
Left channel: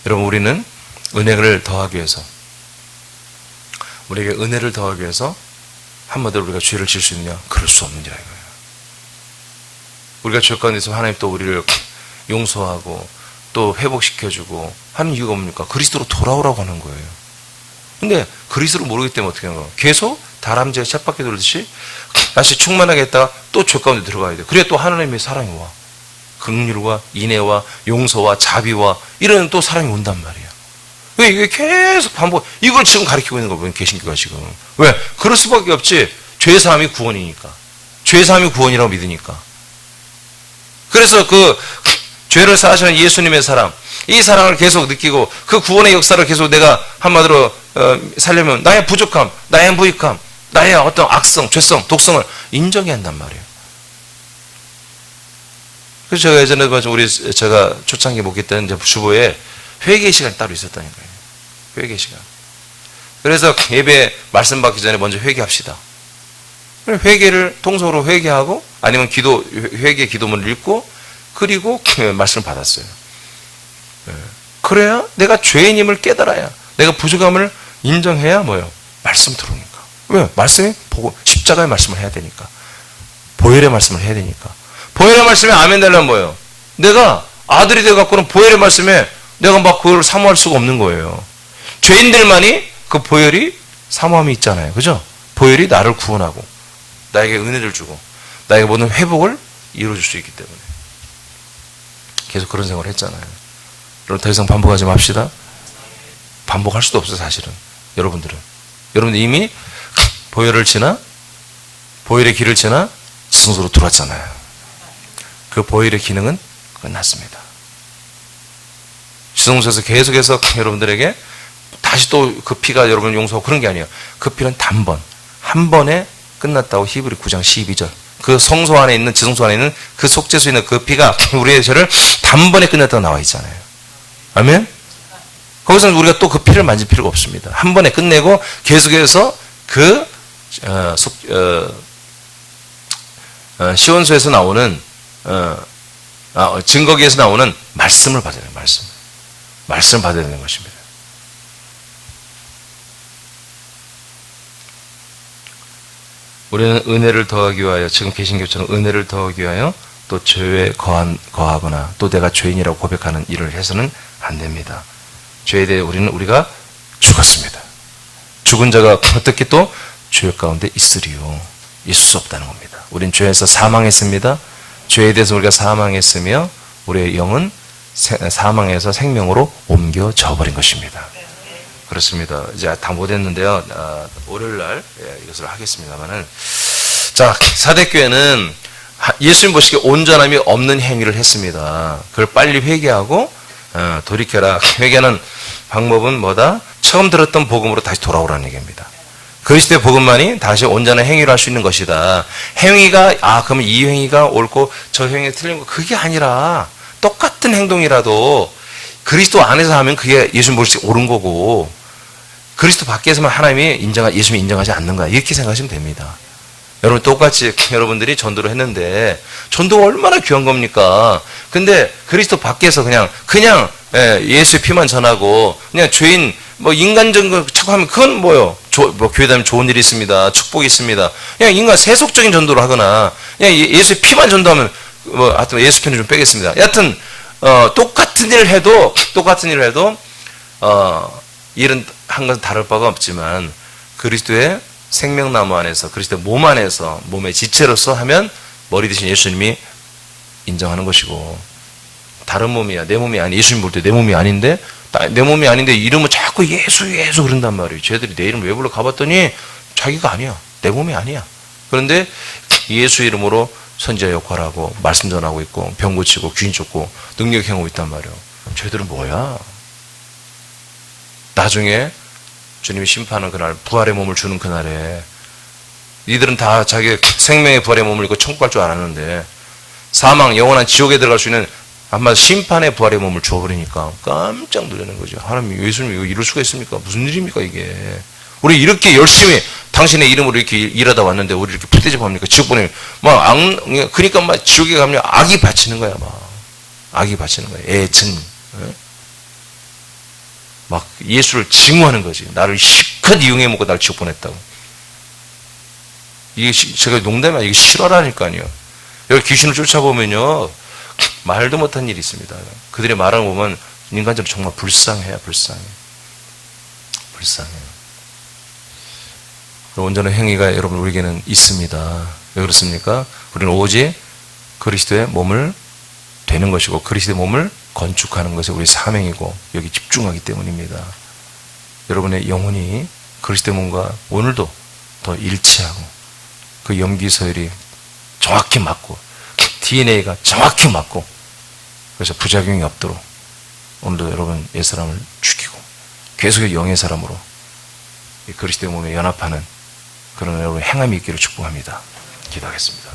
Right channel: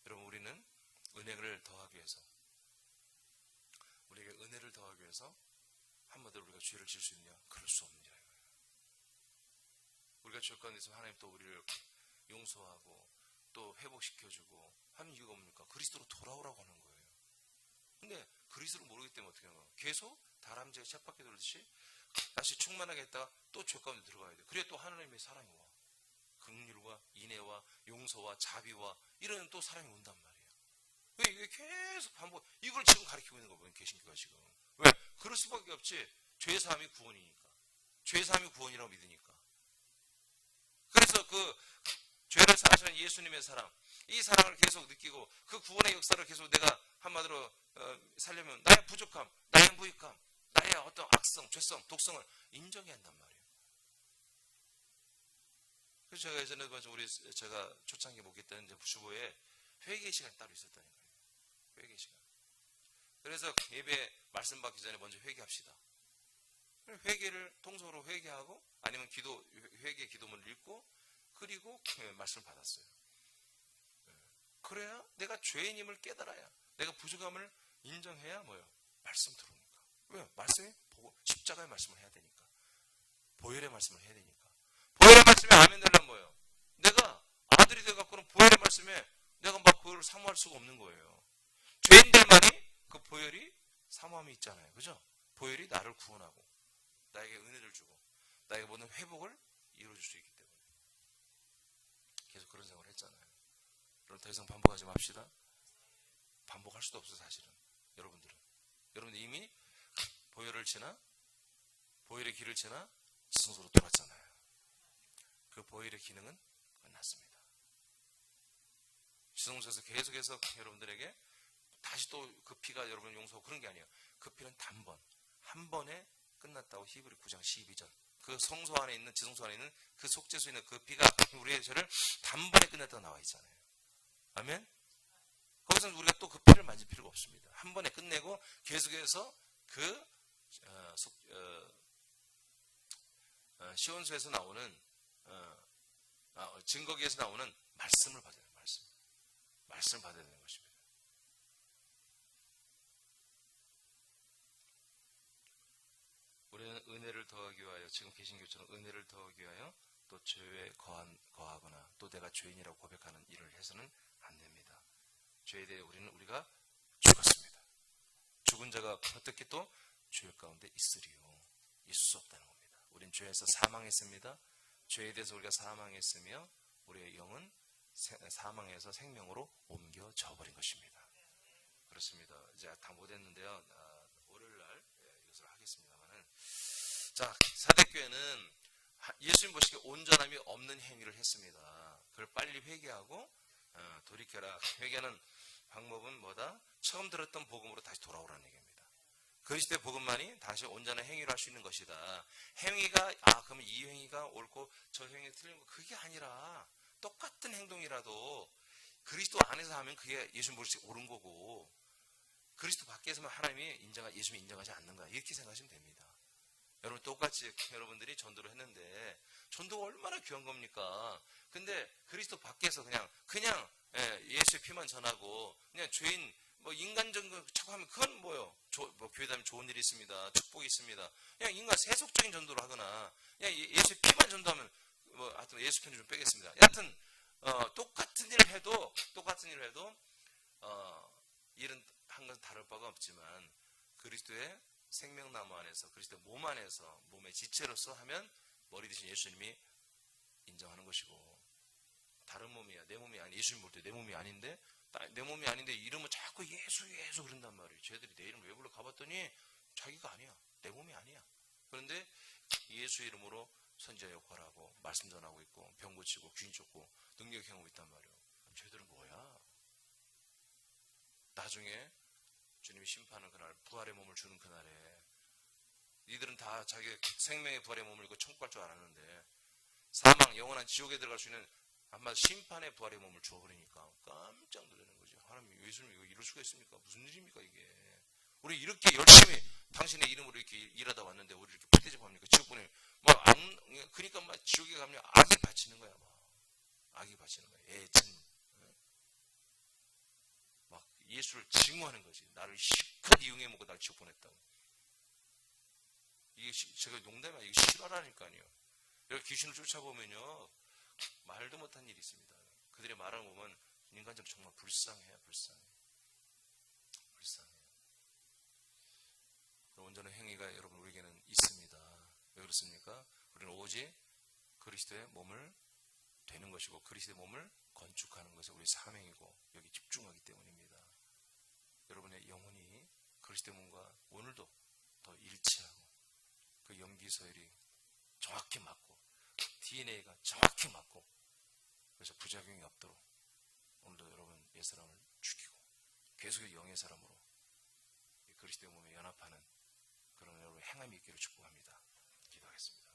여러분, 우리는 은혜를 더하기 위해서, 우리에게 은혜를 더하기 위해서 한마디로 우리가 죄를 지을 수 있느냐? 그럴 수 없느니라 이거예요. 우리가 죄 가운데서 하나님 또 우리를 용서하고 또 회복시켜주고 하는 이유가 뭡니까? 그리스도로 돌아오라고 하는 거예요. 근데 그리스도를 모르기 때문에 어떻게 하는 거예요? 계속 다람쥐가 쳇바퀴 돌듯이 다시 충만하게 했다가 또 죄 가운데 들어가야 돼요. 그래야 또 하나님의 사랑이 와. 긍휼과 인애와 용서와 자비와 이런 또 사랑이 온단 말이에요. 왜 이게 계속 반복, 이걸 지금 가르치고 있는 거예요. 개신교가 지금. 왜? 그럴 수밖에 없지. 죄사함이 구원이니까. 죄사함이 구원이라고 믿으니까. 그래서 그 죄를 사하시는 예수님의 사랑, 이 사랑을 계속 느끼고 그 구원의 역사를 계속 내가 한마디로 살려면 나의 부족함, 나의 무익함, 나의 어떤 악성, 죄성, 독성을 인정해야 한단 말이에요. 그래서 제가 예전에 제가 초창기 목회 때는 이제 주보에 회개 시간이 따로 있었다니까요. 회개 시간. 그래서 예배 말씀 받기 전에 먼저 회개합시다. 회개를 통속으로 회개하고 아니면 회개 기도문을 읽고 그리고 말씀을 받았어요. 그래야 내가 죄인임을 깨달아야, 내가 부족함을 인정해야 뭐예요? 말씀 들으니까. 왜? 말씀이 보고 십자가의 말씀을 해야 되니까. 보혈의 말씀을 해야 되니까. 보혈의 말씀에 아멘 달라면 뭐예요? 내가 아들이 되어갖고는 보혈의 말씀에 내가 막 그걸 사모할 수가 없는 거예요. 죄인들만이 그 보혈이 사모함이 있잖아요. 그죠? 보혈이 나를 구원하고 나에게 은혜를 주고 나에게 모든 회복을 이루어줄 수 있기 때문에 계속 그런 생활을 했잖아요. 여러분, 더 이상 반복하지 맙시다. 반복할 수도 없어요. 사실은 여러분들 이미 보혈의 길을 지나 지성소로 들어왔잖아요. 그 보혈의 기능은 끝났습니다. 지성소에서 계속해서 여러분들에게 다시 또 그 피가 여러분을 용서하고 그런 게 아니에요. 그 피는 한 번에 끝났다고 히브리 9장 12절. 그 성소 안에 있는, 지성소 안에 있는 그 속죄소에 있는 그 피가 우리의 죄를 단번에 끝냈다고 나와 있잖아요. 아멘? 거기서는 우리가 또 그 피를 만질 필요가 없습니다. 한 번에 끝내고 계속해서 그 시온소에서 나오는 증거기에서 나오는 말씀을 받아야 돼요. 말씀을 받아야 되는 것입니다. 우리는 은혜를 더하기 위하여, 지금 계신 것처럼 은혜를 더하기 위하여 또 죄에 거하거나 또 내가 죄인이라고 고백하는 일을 해서는 안 됩니다. 죄에 대해 우리가 죽었습니다. 죽은 자가 어떻게 또 죄 가운데 있으리요. 있을 수 없다는 겁니다. 우린 죄에서 사망했습니다. 죄에 대해서 우리가 사망했으며 우리의 영은 사망에서 생명으로 옮겨져 버린 것입니다. 그렇습니다. 이제 다 못했는데요. 월요일 날 이것을 하겠습니다만은, 자, 사대교회는 예수님 보시기에 온전함이 없는 행위를 했습니다. 그걸 빨리 회개하고 돌이켜라. 회개하는 방법은 뭐다? 처음 들었던 복음으로 다시 돌아오라는 얘기입니다. 그리스도의 복음만이 다시 온전한 행위를 할 수 있는 것이다. 행위가 그러면 이 행위가 옳고 저 행위가 틀린 거, 그게 아니라 똑같은 행동이라도 그리스도 안에서 하면 그게 예수님 보시기에 옳은 거고, 그리스도 밖에서만 예수님이 인정하지 않는 거야. 이렇게 생각하시면 됩니다. 여러분, 똑같이 여러분들이 전도를 했는데 전도가 얼마나 귀한 겁니까? 근데 그리스도 밖에서 그냥 예수의 피만 전하고 그냥 죄인 인간적인 거 자꾸 하면 그건 뭐요? 교회 다니면 좋은 일이 있습니다. 축복이 있습니다. 그냥 인간 세속적인 전도를 하거나 그냥 예수의 피만 전도하면 하여튼 예수 편을 좀 빼겠습니다. 여하튼 똑같은 일을 해도 일은 한 것은 다를 바가 없지만 그리스도의 생명나무 안에서, 그리스도의 몸 안에서, 몸의 지체로서 하면 머리 대신 예수님이 인정하는 것이고, 다른 몸이야. 내 몸이 아니, 예수님 볼 때 내 몸이 아닌데, 이름은 자꾸 예수 그런단 말이에요. 쟤들이 내 이름 왜 불러? 가봤더니 자기가 아니야. 내 몸이 아니야. 그런데 예수 이름으로 선지자 역할하고 말씀 전하고 있고 병 고치고 귀인 쫓고 능력 행하고 있단 말이에요. 쟤들은 뭐야? 나중에 주님이 심판하는 그날, 부활의 몸을 주는 그날에 이들은 다 자기 생명의 부활의 몸을 입고 천국 갈 줄 알았는데 사망, 영원한 지옥에 들어갈 수 있는 아마 심판의 부활의 몸을 주어버리니까 깜짝 놀라는 거죠. 하나님, 예수님 이거 이럴 수가 있습니까? 무슨 일입니까 이게? 우리 이렇게 열심히 당신의 이름으로 이렇게 일하다 왔는데 우리 이렇게 풋대접합니까? 지옥 보내면 그러니까 지옥에 가면 악이 바치는 거야. 악이 바치는 거야. 애증. 예수를 증오하는 거지. 나를 실컷 이용해 먹고 날 지옥 보냈다고. 이게 제가 농담이 아니라 이게 실화라니까요. 여기 귀신을 쫓아보면요, 말도 못한 일이 있습니다. 그들의 말을 보면 인간적으로 정말 불쌍해요. 불쌍해요. 온전한 행위가 여러분 우리에게는 있습니다. 왜 그렇습니까? 우리는 오직 그리스도의 몸을 되는 것이고 그리스도의 몸을 건축하는 것이 우리 사명이고 여기 집중하기 때문입니다. 여러분의 영혼이 그리스도의 몸과 오늘도 더 일치하고 그 염기서열이 정확히 맞고 DNA가 정확히 맞고 그래서 부작용이 없도록 오늘도 여러분 옛사람을 죽이고 계속의 영의 사람으로 그리스도의 몸에 연합하는 그런 여러분 행함이 있기를 축복합니다. 기도하겠습니다.